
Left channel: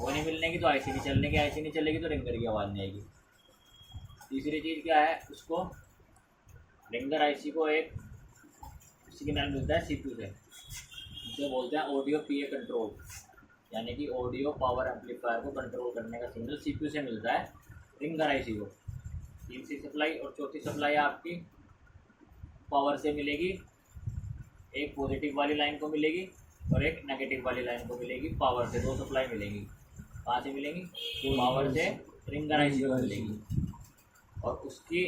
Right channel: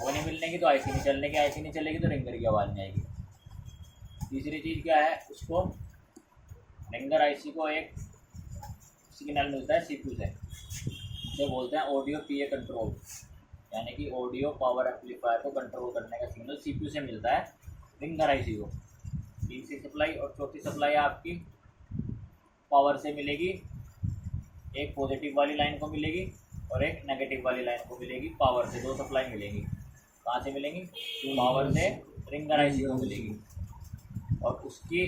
वो नहीं मिलने की तो आईसी नहीं चलने की, आईसी नहीं चलेगी तो रिंगर की आवाज़ नहीं आएगी। तीसरी चीज़ क्या है, उसको रिंगर आईसी को एक सिग्नल मिलता है CPU से, उसे बोलते हैं ऑडियो PA कंट्रोल, यानी कि ऑडियो पावर एम्पलीफायर को कंट्रोल करने का सिग्नल CPU से मिलता है रिंगर आईसी को। तीसरी सप्लाई और चौथी सप्लाई आपकी पावर से मिलेगी, एक पॉजिटिव वाली लाइन को मिलेगी और एक नेगेटिव वाली लाइन को मिलेगी। पावर से 2 सप्लाई मिलेंगी, कहाँ से मिलेंगी, पावर से रिंगर आईसी को मिलेगी, और उसकी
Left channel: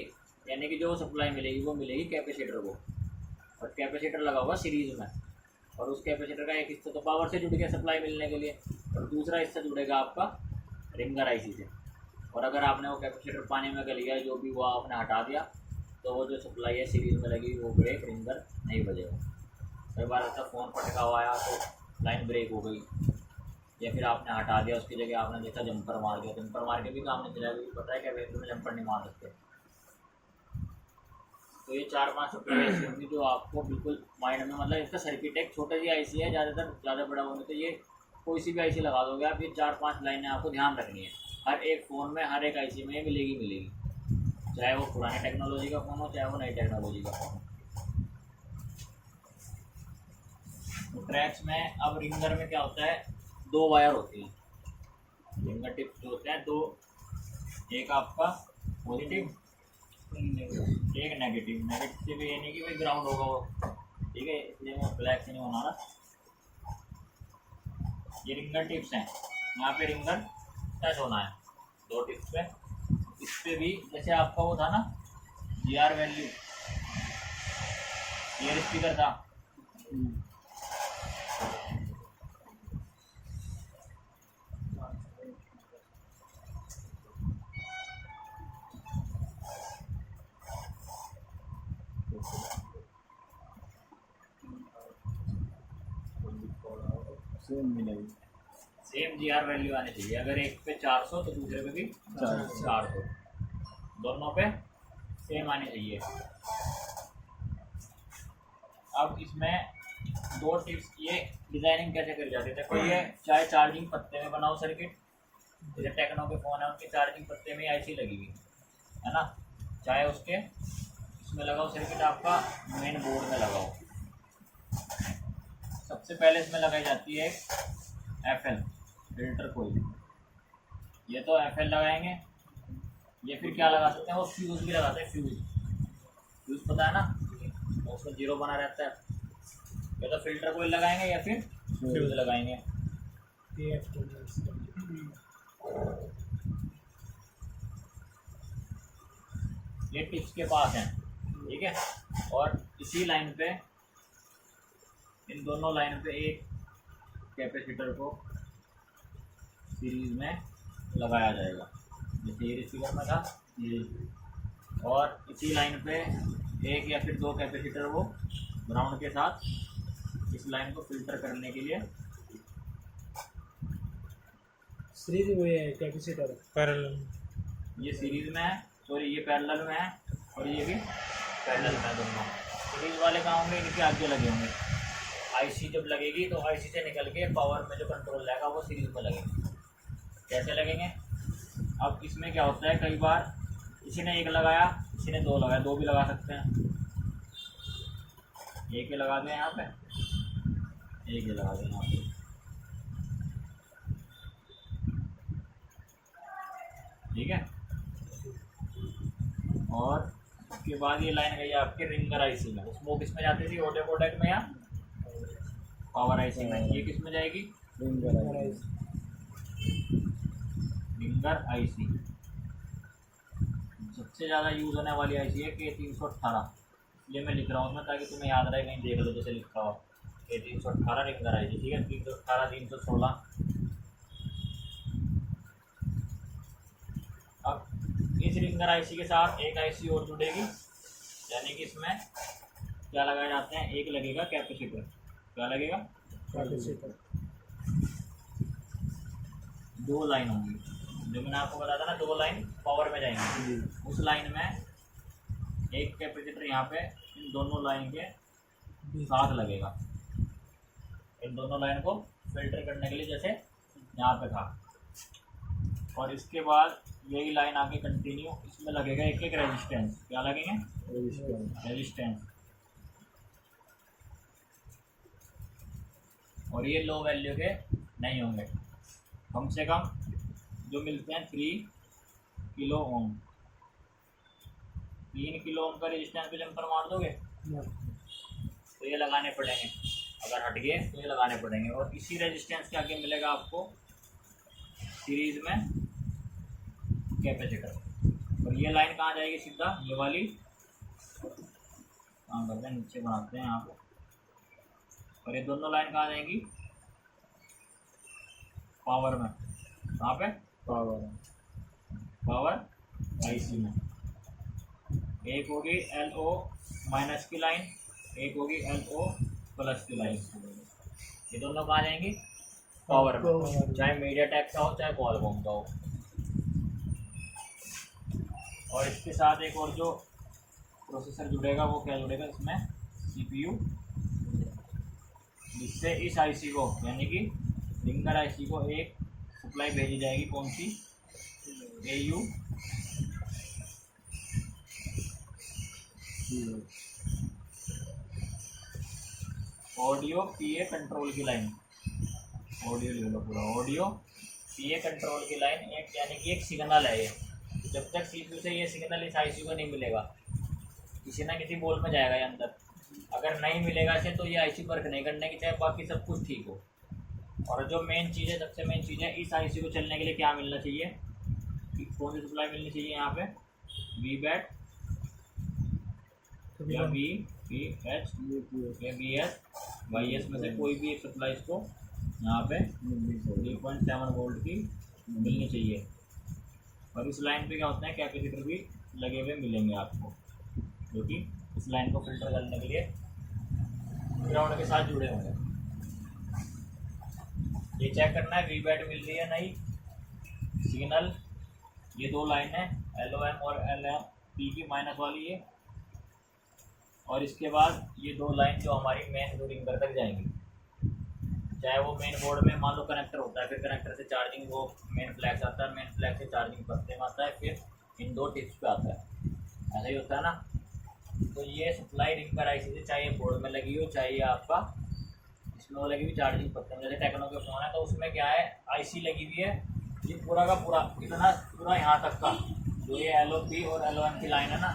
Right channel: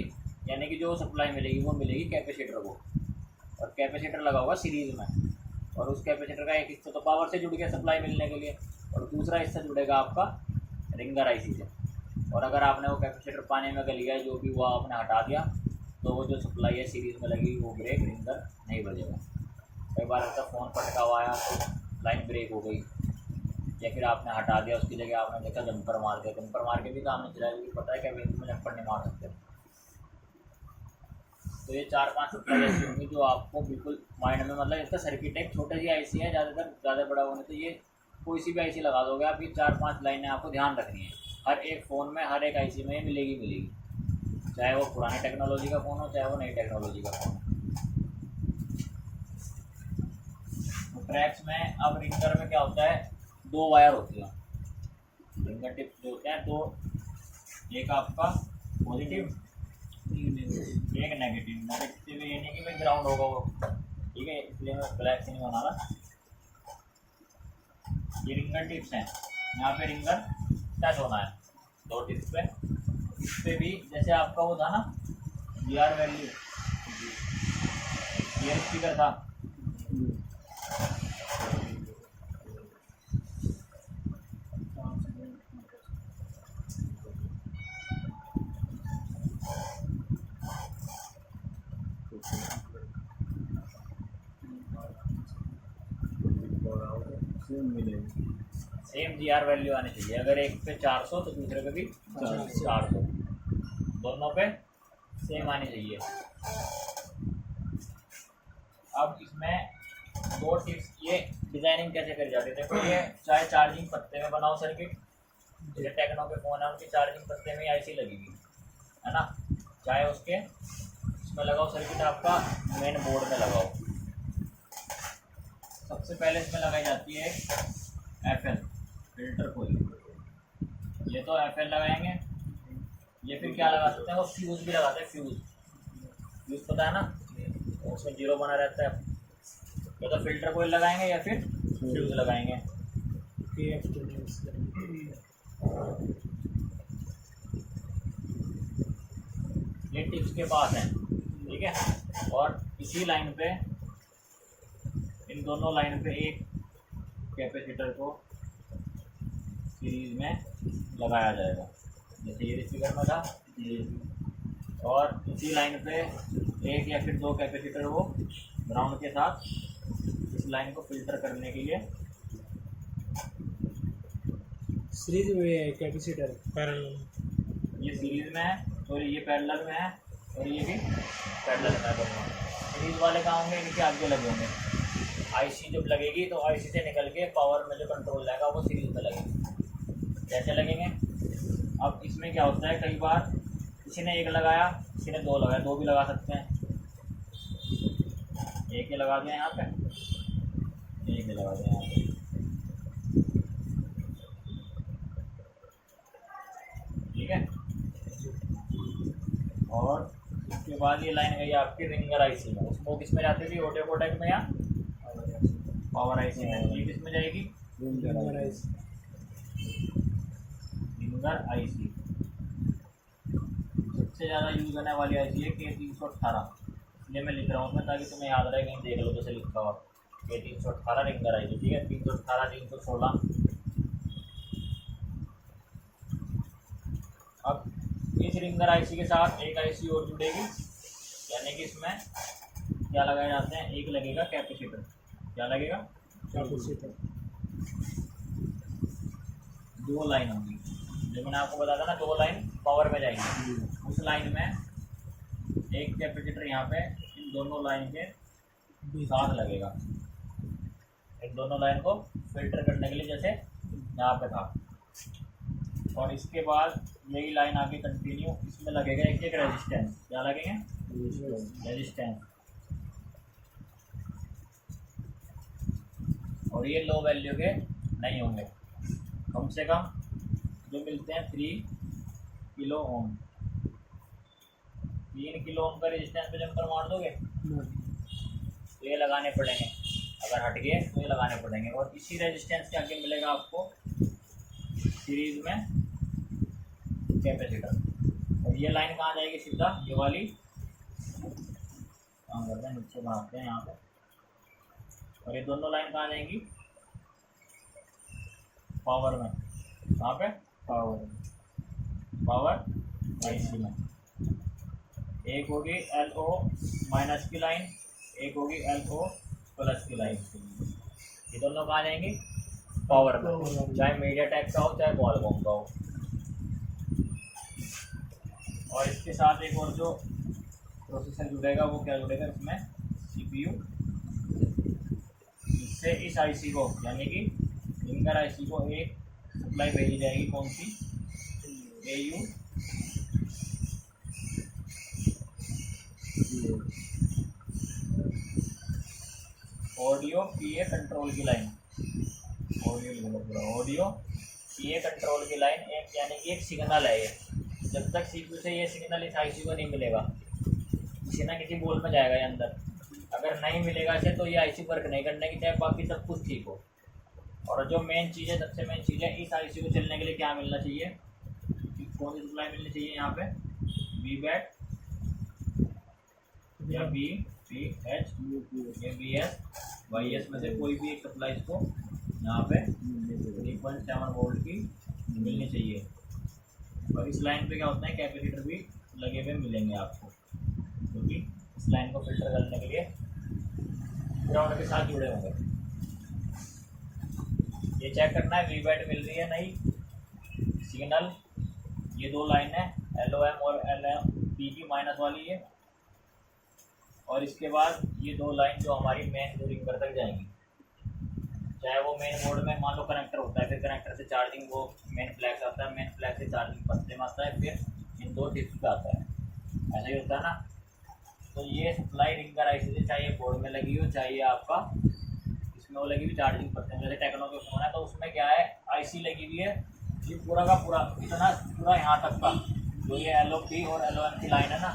यानी कि जो सप्लाई मिलेगी वो मिलेगी कैपेसिटर को, और कैपेसिटर लगा होगा सीरीज़ में, और उस कैपेसिटर का एक हिस्सा तो पावर से जुड़ गया सप्लाई मिलने के लिए, और दूसरा हिस्सा जुड़ेगा आपका रिंगर आईसी से। और अगर आपने वो कैपेसिटर पानी में गल गया, जो भी वो आपने हटा दिया, तो वो जो सप्लाई है सीरीज़ में लगी वो ब्रेक रिंगर नहीं बजेगा। कई बार ऐसा फ़ोन पटका हुआ आया तो लाइन ब्रेक हो गई, या फिर आपने हटा दिया, उसकी जगह आपने देखा जंपर मार दिया, जंपर मार के भी काम नहीं चलाएगा, क्योंकि पता है कैपेसिटर में जंपर नहीं मार सकते। तो ये 4-5 सप्लाई ऐसी होंगी जो आपको बिल्कुल माइंड में, मतलब इसका सर्किट एक छोटी सी आईसी है, ज़्यादा बड़ा होने, तो ये कोई सी भी आईसी लगा दोगे आप, ये 4-5 लाइनें आपको ध्यान रखनी है हर एक फ़ोन में, हर एक आईसी में ये मिलेगी, चाहे वो पुरानी टेक्नोलॉजी का फ़ोन हो चाहे वो नई टेक्नोलॉजी का फ़ोन हो। तो ट्रैक्स में अब रिंगर में क्या होता है, 2 वायर होती हैं, रिंगर टिप्स जो होते हैं 2, एक आपका पॉजिटिव एक नेगेटिव ये नहीं कि भाई ग्राउंड होगा वो, ठीक है, इसलिए मैं ब्लैक से नहीं बना रहा। ये रिंगर टिप्स हैं, यहाँ पे रिंगर टच होना है 2 टिप्स पे। इस पे भी जैसे आपका वो था ना GR वैल्यू, ईयर स्पीकर था, सेम मिलेगी। सेम GR वैल्यू आनी चाहिए, अगर एक पे 400 तो दूसरे पे भी 400, दोनों पे सेम आनी चाहिए। अब इसमें 2 टिप्स, ये डिज़ाइनिंग कैसे करी जाती है, देखो ये चाहे चार्जिंग पत्ते में बनाओ सर्किट, जैसे टेक्नो के फ़ोन है उनकी चार्जिंग पत्ते में आईसी लगी हुई है ना, चाहे उसके इसमें लगाओ सर्किट आपका मेन बोर्ड में लगाओ। सबसे पहले इसमें लगाई जाती है FL फिल्टर कोई, ये तो FL लगाएंगे, ये फिर क्या लगा सकते हैं, वो फ्यूज़ भी लगाते हैं, फ्यूज़ पता है ना, तो उसमें 0 बना रहता है, या तो फिल्टर कोई लगाएंगे या फिर फ्यूज़ लगाएंगे। ये टिप्स के पास हैं, ठीक है, और इसी लाइन पे, इन दोनों लाइन पे एक कैपेसिटर को सीरीज में लगाया जाएगा, जैसे ये स्पीकर में था ये, और इसी लाइन पे एक या फिर 2 कैपेसिटर वो ग्राउंड के साथ इस लाइन को फिल्टर करने के लिए। सीरीज में कैपेसिटर पैरेलल, ये सीरीज में है, सॉरी ये पैरेलल में है, और ये भी पैरेलल में है दोनों। सीरीज वाले कहाँ होंगे, इनके आगे लगे होंगे, आईसी जब लगेगी तो आईसी से निकल के पावर में जो कंट्रोल जाएगा वो सीरीज में लगेंगे। कैसे लगेंगे, अब इसमें क्या होता है, कई बार किसी ने 1 लगाया, किसी ने 2 लगाया, 2 भी लगा सकते हैं, एक ही लगा दें यहाँ पे, एक ही लगा दें यहाँ पे, ठीक है। और उसके बाद ये लाइन गई आपकी रिंगर आईसी में, उसमें किस में जाती थी, ऑडियो कोडेक में या पावर आईसी में, ये किस में जाएगी, रिंगर आईसी। रिंगर आईसी सबसे ज़्यादा यूज़ होने वाली आईसी है K318, इसलिए मैं लिख रहा हूँ उसमें ताकि तुम्हें याद रहे, कहीं देख लो जैसे लिखा हुआ K318 रिंगर आईसी, ठीक है, 318 316। अब इस रिंगर आईसी के साथ एक आईसी और जुड़ेगी, यानी कि इसमें क्या लगाए जाते हैं, एक लगेगा कैपेसिटर, क्या लगेगा, कैपेसिटर, 2 लाइन होंगी, जो मैंने आपको बताया था ना, 2 लाइन पावर में जाएंगी, उस लाइन में एक कैपेसिटर यहाँ पे इन दोनों लाइन के साथ लगेगा, इन दोनों लाइन को फिल्टर करने के लिए, जैसे यहाँ पे था। और इसके बाद यही लाइन आगे कंटिन्यू, इसमें लगेगा एक रेजिस्टेंस, क्या लगेंगे, रेजिस्टेंस, और ये लो वैल्यू के नहीं होंगे, कम से कम जो मिलते हैं 3 किलो ओम, 3 किलो ओम का रेजिस्टेंस पे जंपर मार दोगे तो ये लगाने पड़ेंगे, अगर हट गए तो ये लगाने पड़ेंगे। और इसी रेजिस्टेंस के आगे मिलेगा आपको सीरीज में कैपेसिटर, और ये लाइन कहाँ जाएगी, सीधा ये वाली, काम करते हैं नीचे बनाते हैं यहाँ पे, और ये दोनों लाइन कहाँ जाएंगी, पावर में, कहाँ पे, पावर आईसी में। एक होगी LO माइनस की लाइन, एक होगी LO प्लस की लाइन, ये दोनों कहाँ जाएंगी, पावर में, चाहे मीडियाटेक का हो चाहे क्वालकॉम का हो। और इसके साथ एक और जो प्रोसेसर जुड़ेगा वो क्या जुड़ेगा इसमें, CPU, जिससे इस आईसी को यानी कि रिंगर आईसी को एक सप्लाई भेजी जाएगी, कौन सी, AU ऑडियो PA कंट्रोल की लाइन, ऑडियो लिख लो पूरा, ऑडियो PA कंट्रोल की लाइन, एक यानी कि एक सिग्नल है ये। जब तक CPU से ये सिग्नल इस आईसी को नहीं मिलेगा, किसी ना किसी बोल में जाएगा ये अंदर, अगर नहीं मिलेगा इसे तो ये आईसी वर्क नहीं करने की, चाहे बाकी सब कुछ ठीक हो। और जो मेन चीज़ है, सबसे मेन चीज़ है, इस आईसी को चलने के लिए क्या मिलना चाहिए, कौन सी सप्लाई मिलनी चाहिए यहाँ पे, VBAT या VPH या VS YS में से कोई भी एक सप्लाई इसको यहाँ पे 3.7 वोल्ट की मिलनी चाहिए। और इस लाइन पे क्या होता है, कैपेसिटर भी लगे हुए मिलेंगे आपको, क्योंकि इस लाइन को फिल्टर करने के लिए ग्राउंड के साथ जुड़े होंगे। ये चेक करना है VBAT मिल रही है नहीं, सिग्नल, ये दो लाइन है LOM और LP की माइनस वाली है, और इसके बाद ये दो लाइन जो हमारी मेन दो रिंगर तक जाएंगी, चाहे वो मेन बोर्ड में मान लो कनेक्टर होता है, फिर कनेक्टर से चार्जिंग वो मेन फ्लैग आता है, मेन फ्लैग से चार्जिंग पत्ते में आता है, फिर इन दो टिप्स पे आता है, ऐसा ही होता है ना। तो ये सप्लाई रिंगर आईसी से, चाहे बोर्ड में लगी हो चाहे आपका इसमें वो लगी हुई चार्जिंग पत्ते में, जैसे टेक्नो के फ़ोन है तो उसमें क्या है, आईसी लगी हुई है, ये पूरा का पूरा इतना पूरा यहाँ तक का जो ये LOP और LOM की लाइन है ना,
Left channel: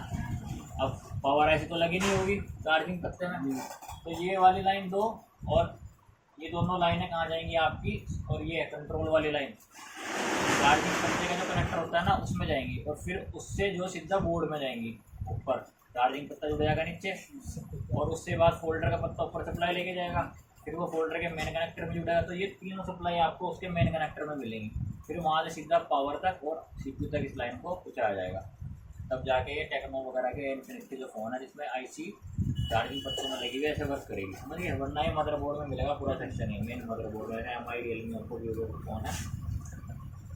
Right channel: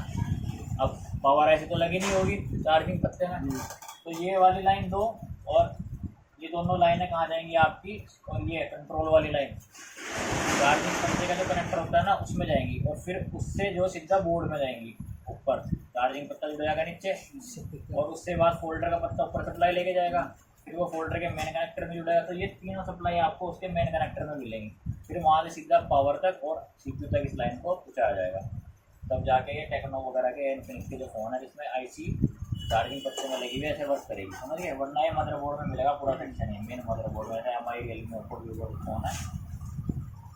अब पावर ऐसी तो लगी नहीं होगी चार्जिंग पत्ते में, तो ये वाली लाइन दो और ये दोनों लाइनें कहाँ जाएंगी आपकी, और ये कंट्रोल वाली लाइन चार्जिंग पत्ते का जो कनेक्टर होता है ना उसमें जाएंगी, और फिर उससे जो सीधा बोर्ड में जाएंगी, ऊपर चार्जिंग पत्ता जुड़ जाएगा नीचे, और उससे बाद फोल्डर का पत्ता ऊपर सप्लाई लेके जाएगा, फिर वो फोल्डर के मेन कनेक्टर में जुड़ेगा। तो ये तीनों सप्लाई आपको उसके मेन कनेक्टर में मिलेंगी, फिर वहाँ से सीधा पावर तक और CPU तक इस लाइन को पहुँचाया जाएगा। तब जाके ये टेक्नो वगैरह के इन्फिनिक्स के जो फ़ोन है जिसमें आईसी चार्जिंग पत्ते में लगी हुई ऐसे वर्क करेगी, समझिए। वरना ये मदरबोर्ड में मिलेगा पूरा सेक्शन है, मेन मदरबोर्ड में है MI Realme Oppo Vivo phone है,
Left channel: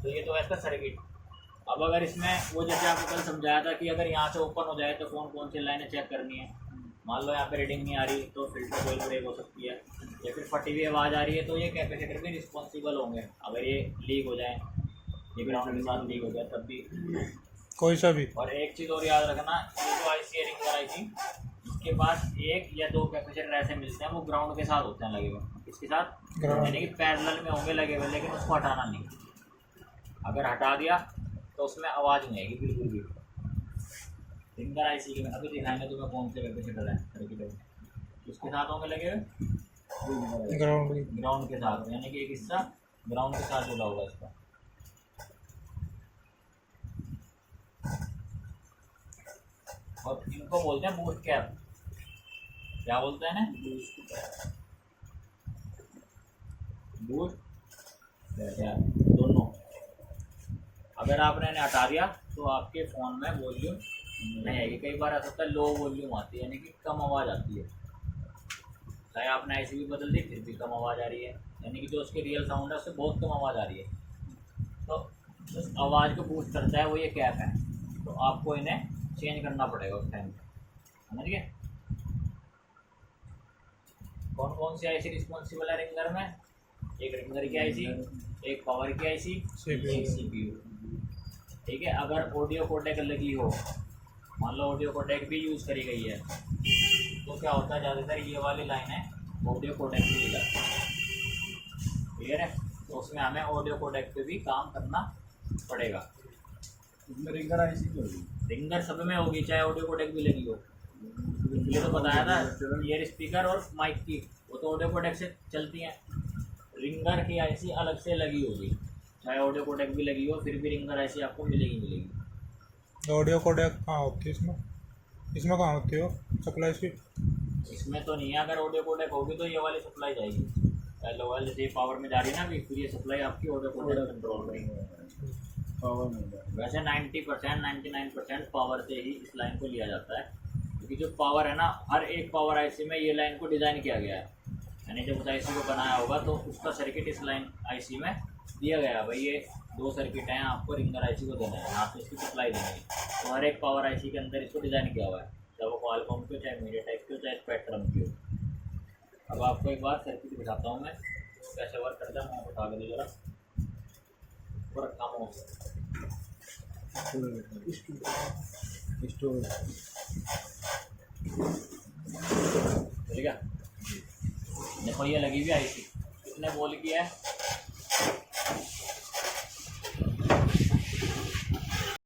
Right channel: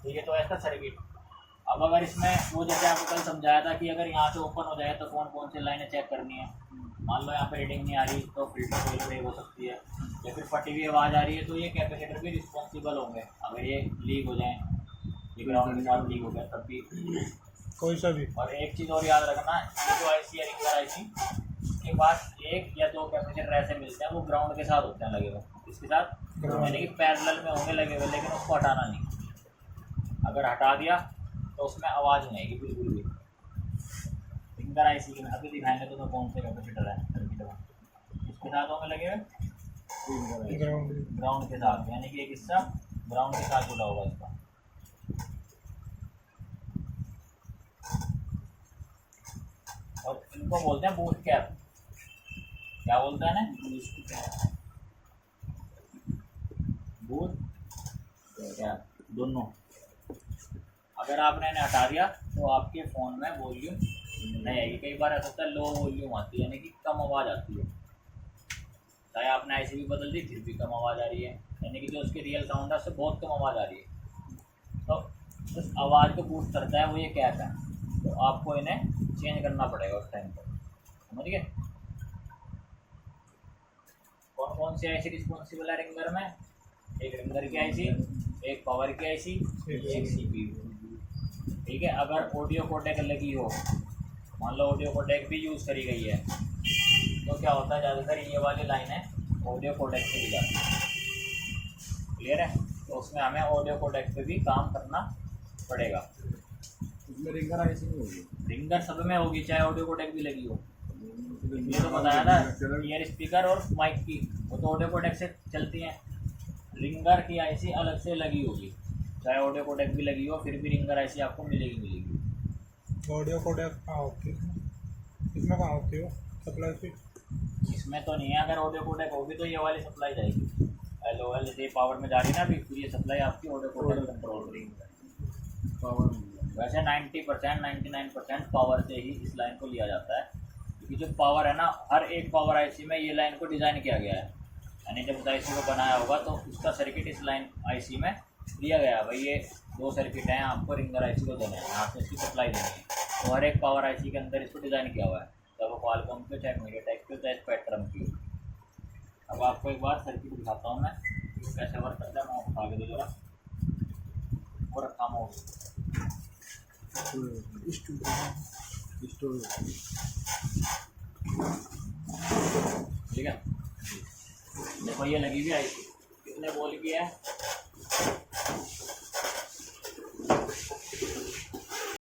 तो ये तो है इसका सर्किट। अब अगर इसमें वो जैसे आपको कल समझाया था कि अगर यहाँ से ओपन हो जाए तो कौन सी लाइनें चेक करनी है, मान लो यहाँ पे रीडिंग नहीं आ रही तो फिल्टर कोई ब्रेक हो सकती है, या फिर फटी हुई आवाज़ आ रही है तो ये कैपेसिटर भी रिस्पॉन्सिबल होंगे। अगर ये लीक हो जाए, ये ग्राउंड के साथ लीक हो गया तब भी कोई सा भी। और एक चीज़ और याद रखना, ये जो आईसी है रिंगर आईसी, इसके पास एक या दो कैपेसिटर ऐसे मिलते हैं वो ग्राउंड के साथ होते हैं लगे हुए, इसके साथ यानी कि पैरेलल में होंगे लगे हुए, लेकिन उसको हटाना नहीं। अगर हटा दिया तो उसमें आवाज़ नहीं आएगी बिल्कुल भी। रिंगर आईसी के में अभी दिखाएंगे तुम्हें कौन से कैपेसिटर है, इसके साथ होंगे लगे हुए ग्राउंड के साथ, यानी कि एक हिस्सा ग्राउंड के साथ जुड़ा होगा इसका। और इनको बोलते हैं बूस्ट कैप, क्या बोलते हैं ना, बूस्ट कैप दोनों। अगर आपने इन्हें हटा दिया तो आपके फ़ोन में वॉल्यूम नहीं आएगी। कई बार ऐसा होता है लो वॉल्यूम आती है, यानी कि कम आवाज़ आती है, चाहे आपने आईसी भी बदल दी फिर भी कम आवाज़ आ रही है, यानी कि जो उसके रियल साउंड है उससे बहुत कम आवाज़ आ रही है। तो उस आवाज़ को बूस्ट करता है वो ये कैप है, तो आपको इन्हें चेंज करना पड़ेगा उस टाइम पर, समझ गए। कौन सी आईसी रिस्पॉन्सिबल है रिंगर में, एक रिंगर की आईसी, एक पावर की आईसी, एक CPU, ठीक है। अगर ऑडियो कोडेक लगी हो, मान लो ऑडियो कोडेक भी यूज़ करी गई है, तो क्या होता है ज़्यादातर ये वाली लाइन है ऑडियो कोडेक पे ही जाती है, क्लियर है। तो उसमें हमें ऑडियो कोडेक पे भी काम करना पड़ेगा। इसमें रिंगर आईसी भी होगी, रिंगर सब में होगी चाहे ऑडियो कोडेक भी लगी हो। ये तो बताया था ईयर स्पीकर और माइक की, वो तो ऑडियो कोडेक से चलती हैं। रिंगर की आईसी अलग से लगी होगी, चाहे ऑडियो कोडेक भी लगी हो फिर भी रिंगर आईसी आपको मिलेगी। ऑडियो कोडेक कहाँ होती है इसमें कहाँ होती हो सप्लाई इसकी? इसमें तो नहीं है, अगर ऑडियो कोडेक होगी तो ये वाली सप्लाई जाएगी LOL, जैसे पावर में जा रही है ना अभी, फिर ये सप्लाई आपकी ऑडियो कोडेक कंट्रोल करेगी। पावर में वैसे 90% 99% पावर से ही इस लाइन को लिया जाता है, क्योंकि जो पावर है ना, हर एक पावर आईसी में ये लाइन को डिज़ाइन किया गया है यानी जब उस आईसी को बनाया होगा तो उसका सर्किट इस लाइन आईसी में दिया गया है। भाई ये 2 सर्किट हैं, आपको रिंगर आईसी को देने हैं, यहाँ से इसकी सप्लाई देनी है। तो हर एक पावर आईसी के अंदर इसको डिज़ाइन किया हुआ है, चाहे वो क्वालकॉम की हो, चाहे मीडियाटेक की हो, चाहे स्पेक्ट्रम की हो। अब आपको एक बार सर्किट दिखाता हूँ मैं कैसे वर्क करता है। मैं उठा के दो जरा, वो रखा माउस, ठीक है। देखो ये लगी हुई आईसी, कितने वोल्ट की है,